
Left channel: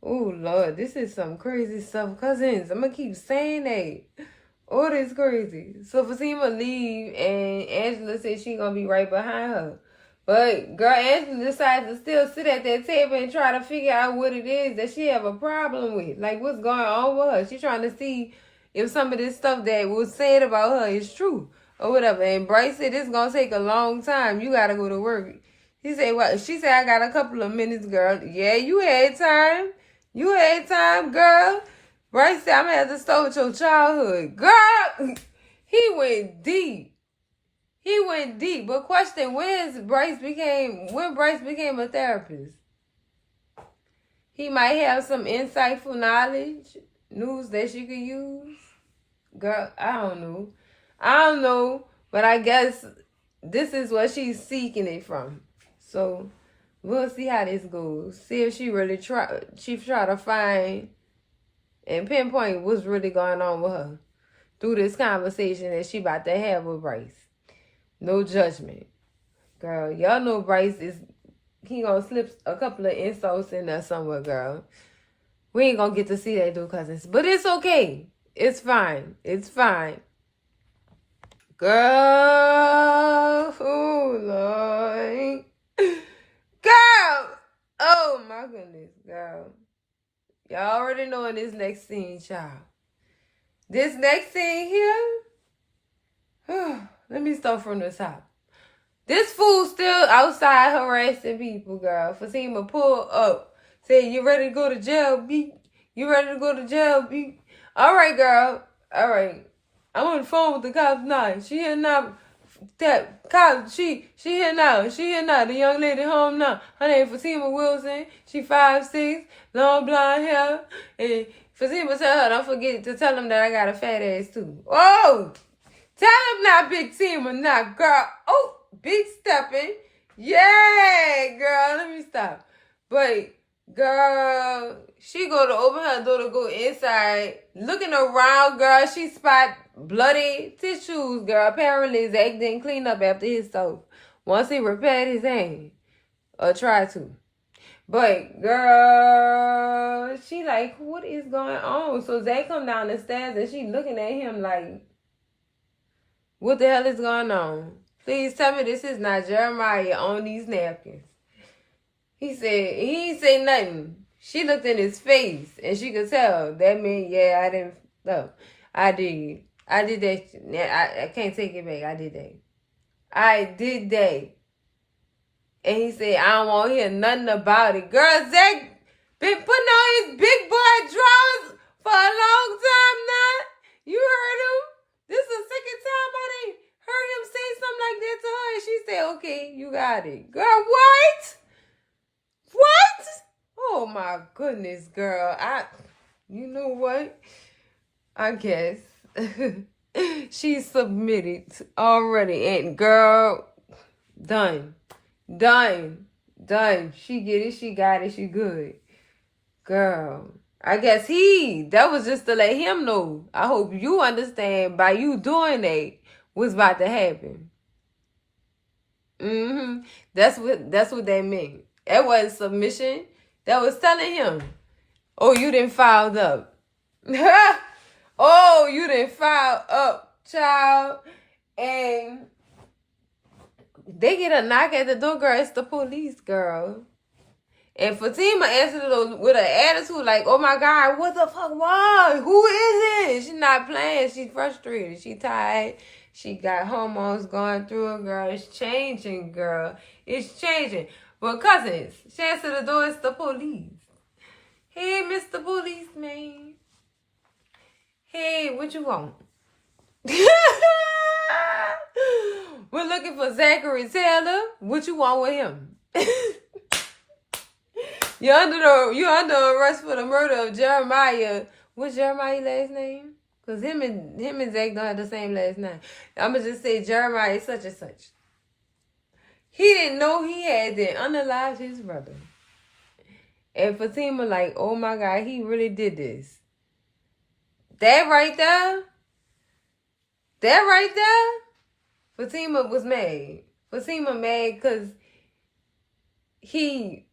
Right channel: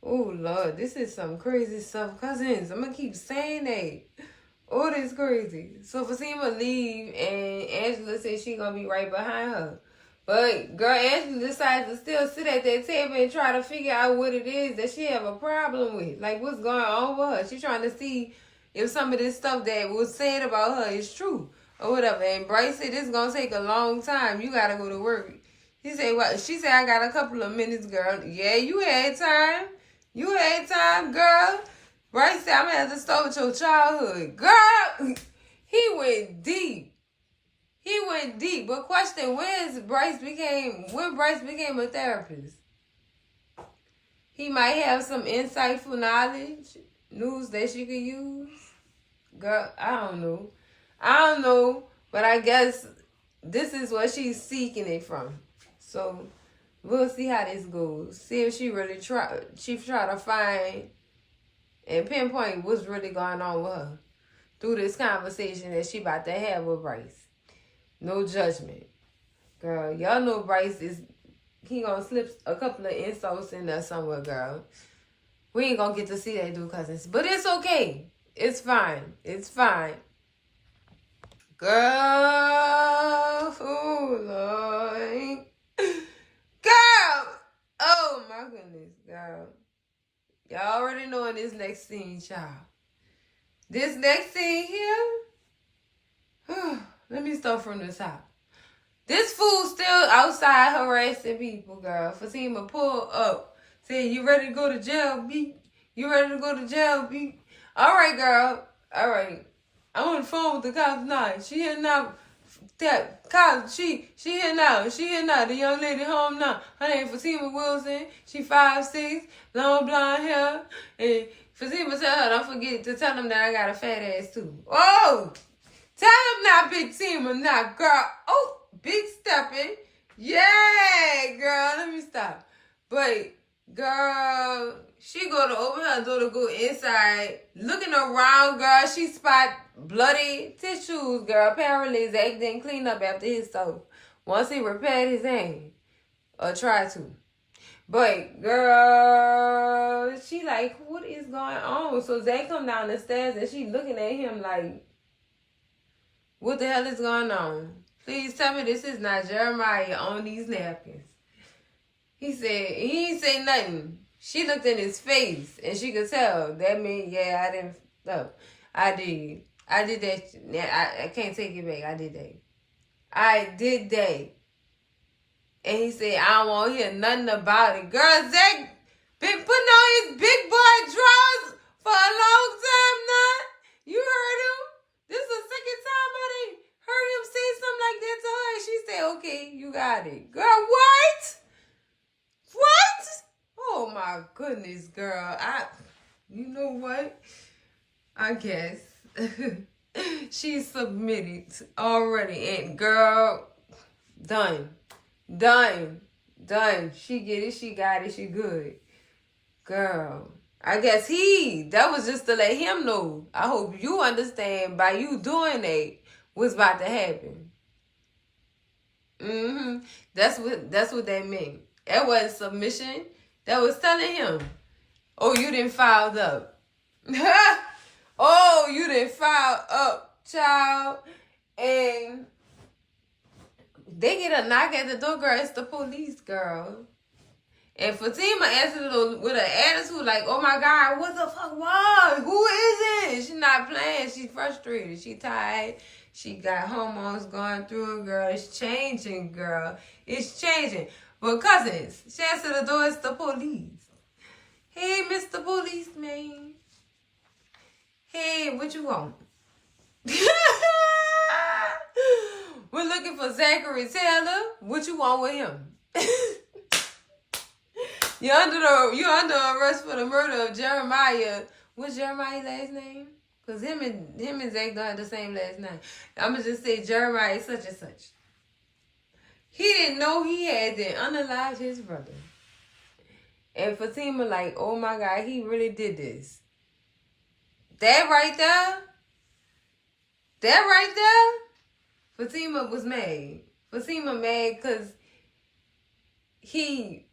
Oh, Lord, this is some crazy stuff. Cousins, I'm gonna keep saying that. Oh, this crazy. So Fatima leave and Angela said she gonna be right behind her. But girl, Angela decided to still sit at that table and try to figure out what it is that she have a problem with. Like, what's going on with her. She trying to see, if some of this stuff that was said about her is true or whatever. And Bryce said it's gonna take a long time. You gotta go to work. He said, "Well," she said, "I got a couple of minutes, girl." Yeah, you had time. You had time, girl. Bryce said, "I'm gonna have to start with your childhood, girl." He went deep. He went deep. But question: when Bryce became a therapist? He might have some insightful knowledge, news that she could use. Girl, I don't know. But I guess this is what she's seeking it from. So we'll see how this goes. See if she really try to find and pinpoint what's really going on with her through this conversation that she about to have with Bryce. No judgment. Girl, y'all know Bryce he gonna slip a couple of insults in there somewhere, girl. We ain't gonna get to see that, though, cousins. But it's okay. It's fine. It's fine. Girl. Oh, Lord. Girl. Oh, my goodness, girl. Y'all already know in this next scene, child. This next scene here. Let me start from the top. This fool still outside harassing people, girl. Fatima pull up. Say, "You ready to go to jail, B? You ready to go to jail, B?" All right, girl. All right. I'm on the phone with the cops now. She here now. That cop, she here now. She here now. The young lady home now. Her name Fatima Wilson. She 5'6", long blonde hair. And Fatima tell her, "Don't forget to tell them that I got a fat ass too." Oh! Tell them now, Big Tima, now, girl. Oh! Big stepping. Yeah, girl. Let me stop. But, girl, she go to open her door to go inside. Looking around, girl, she spot bloody tissues, girl. Apparently, Zac didn't clean up after his soap once he repaired his hand. Or tried to. But, girl, she like, what is going on? So, Zac come down the stairs and she looking at him like, what the hell is going on? Please tell me this is not Jeremiah on these napkins. He ain't say nothing. She looked in his face and she could tell. That meant, yeah, I didn't, no, I did. I did that. I can't take it back. I did that. I did that. And he said, "I don't want to hear nothing about it." Girl, Zac been putting on his big boy drawers for a long time now. You heard him? This is the second time I didn't heard him say something like that to her. And she said, "Okay, you got it." Girl, what? What? Oh, my goodness, girl. You know what? I guess she submitted already. And, girl, done. She get it. She got it. She good. Girl. I guess that was just to let him know. I hope you understand by you doing that what's about to happen. That's what that meant. That was submission. That was telling him, "Oh, you didn't file up." Oh, you didn't file up, child. And they get a knock at the door, girl. It's the police, girl. And Fatima answered it with an attitude like, "Oh my God, what the fuck? What? Who is it?" She's not playing. She's frustrated. She tired. She got hormones going through her, girl. It's changing, girl. It's changing. But cousins, she answered the door. It's the police. "Hey, Mr. Policeman. Hey, what you want?" "We're looking for Zachary Taylor. What you want with him?" You're under arrest for the murder of Jeremiah. What's Jeremiah's last name? Because him and Zac don't have the same last name. I'm going to just say Jeremiah such and such. He didn't know he had unalived his brother. And Fatima like, "Oh my God, he really did this." That right there, Fatima was mad. Fatima mad because you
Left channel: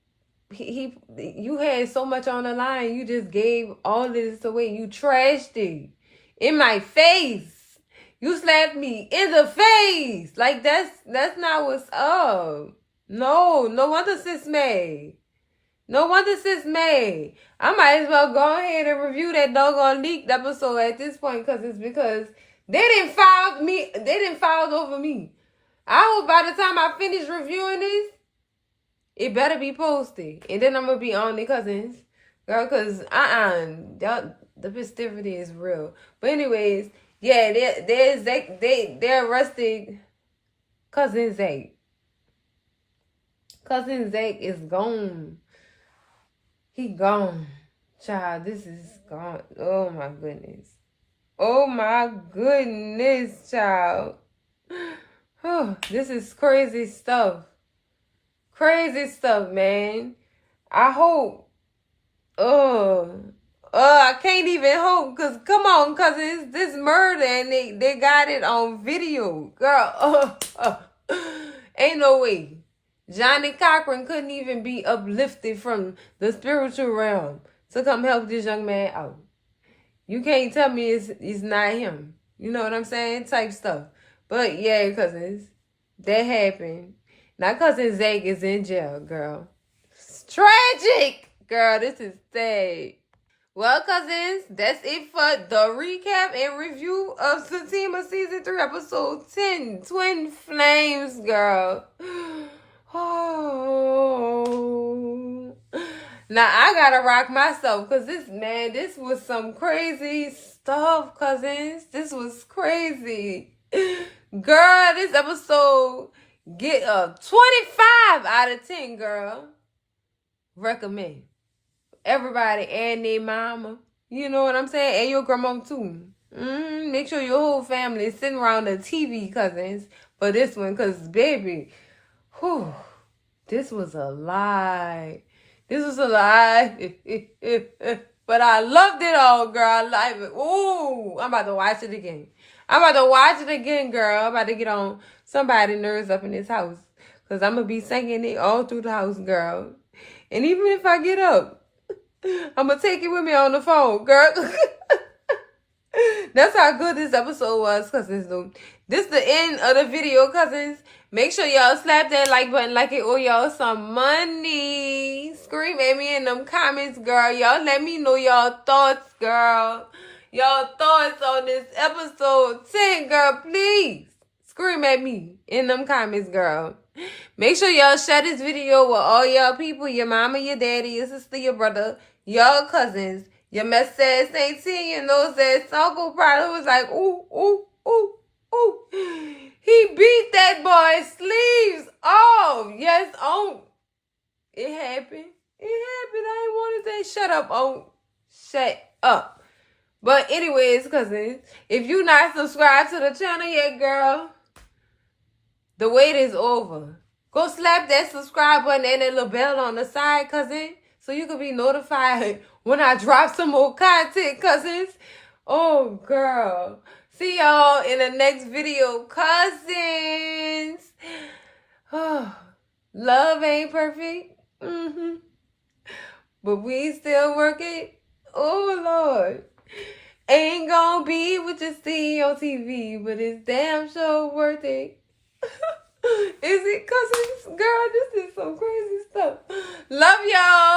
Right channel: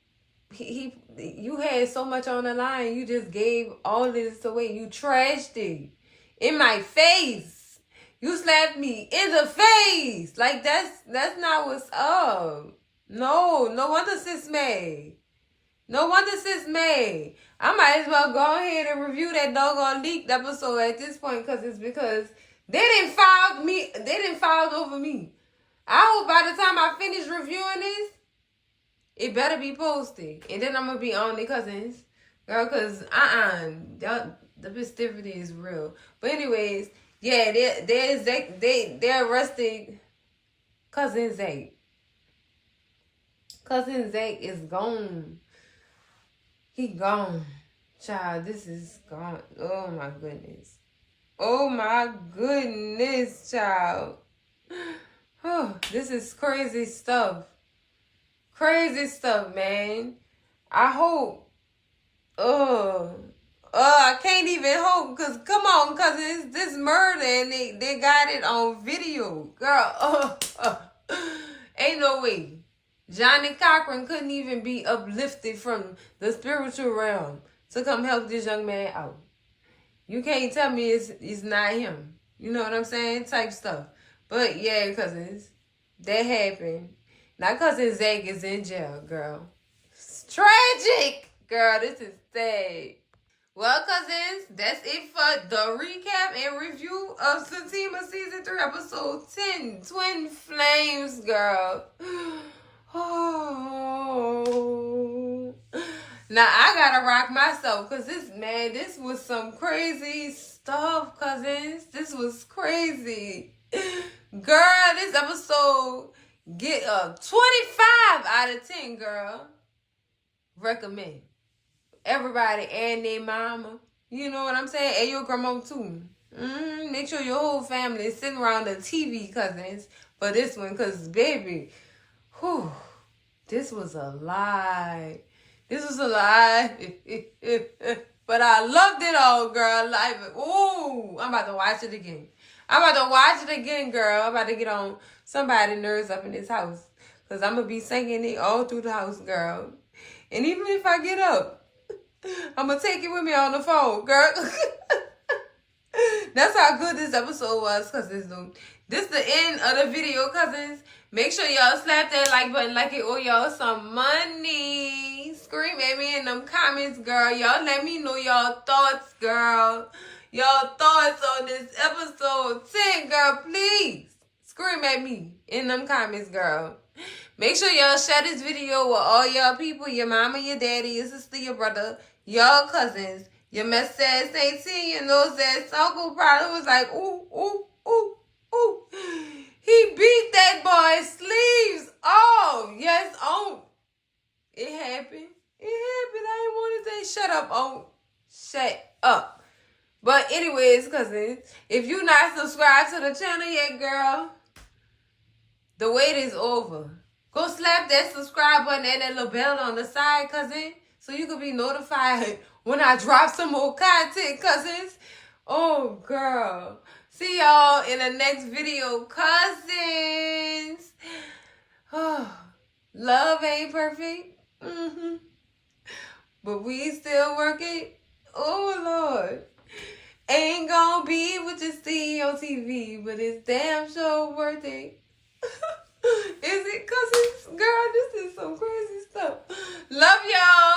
had so much on the line. You just gave all this away. You trashed it in my face. You slapped me in the face. Like that's not what's up. No wonder sis mad. No wonder sis mad. I might as well go ahead and review that doggone leaked episode at this point because they didn't file me. They didn't file over me. I hope by the time I finish reviewing this, it better be posted, and then I'm gonna be on the cousins, girl. Cause the festivity is real. But anyways, yeah, they arrested cousin Zac. Cousin Zac is gone. He gone. Child, this is gone. Oh my goodness. Oh my goodness, child. This is crazy stuff. Crazy stuff, man. I hope. I can't even hope, because come on, because it's this murder and they got it on video. Girl, ain't no way. Johnny Cochran couldn't even be uplifted from the spiritual realm to come help this young man out. You can't tell me it's not him. You know what I'm saying? Type stuff. But yeah, cousins, that happened. Now cousin Zac is in jail, girl. It's tragic. Girl, this is sad. Well, cousins, that's it for the recap and review of Zatima Season 3, Episode 10, Twin Flames, girl. Oh. Now, I gotta rock myself, because this was some crazy stuff, cousins. This was crazy. Girl, this episode get a 25 out of 10, girl. Recommend. Everybody and their mama. You know what I'm saying? And your grandma too. Make sure your whole family is sitting around the TV, cousins, for this one. Because, baby, this was a lie. This was a lie. But I loved it all, girl. I love it. Ooh, I'm about to watch it again. I'm about to watch it again, girl. I'm about to get on somebody's nerves up in this house. Because I'm going to be singing it all through the house, girl. And even if I get up, I'm going to take it with me on the phone, girl. That's how good this episode was, cousins. This is the end of the video, cousins. Make sure y'all slap that like button like it owe y'all some money. Scream at me in them comments, girl. Y'all let me know y'all thoughts, girl. Y'all thoughts on this episode 10, girl. Please scream at me in them comments, girl. Make sure y'all share this video with all y'all people, your mama, your daddy, your sister, your brother, y'all cousins. Your mess says St. T, you know, says Uncle probably was like, ooh, ooh, ooh, ooh. He beat that boy's sleeves off. Yes, it happened. It happened. I ain't want to say shut up, Shut up. But anyways, cousins, if you not subscribed to the channel yet, girl, the wait is over. Go slap that subscribe button and that little bell on the side, cousin, so you can be notified when I drop some more content, cousins. Oh, girl. See y'all in the next video, cousins. Love ain't perfect. But we still working. Oh, Lord. Ain't gonna be what you see on TV, but it's damn sure worth it. Is it, cousins? Girl, this is some crazy stuff. Love y'all.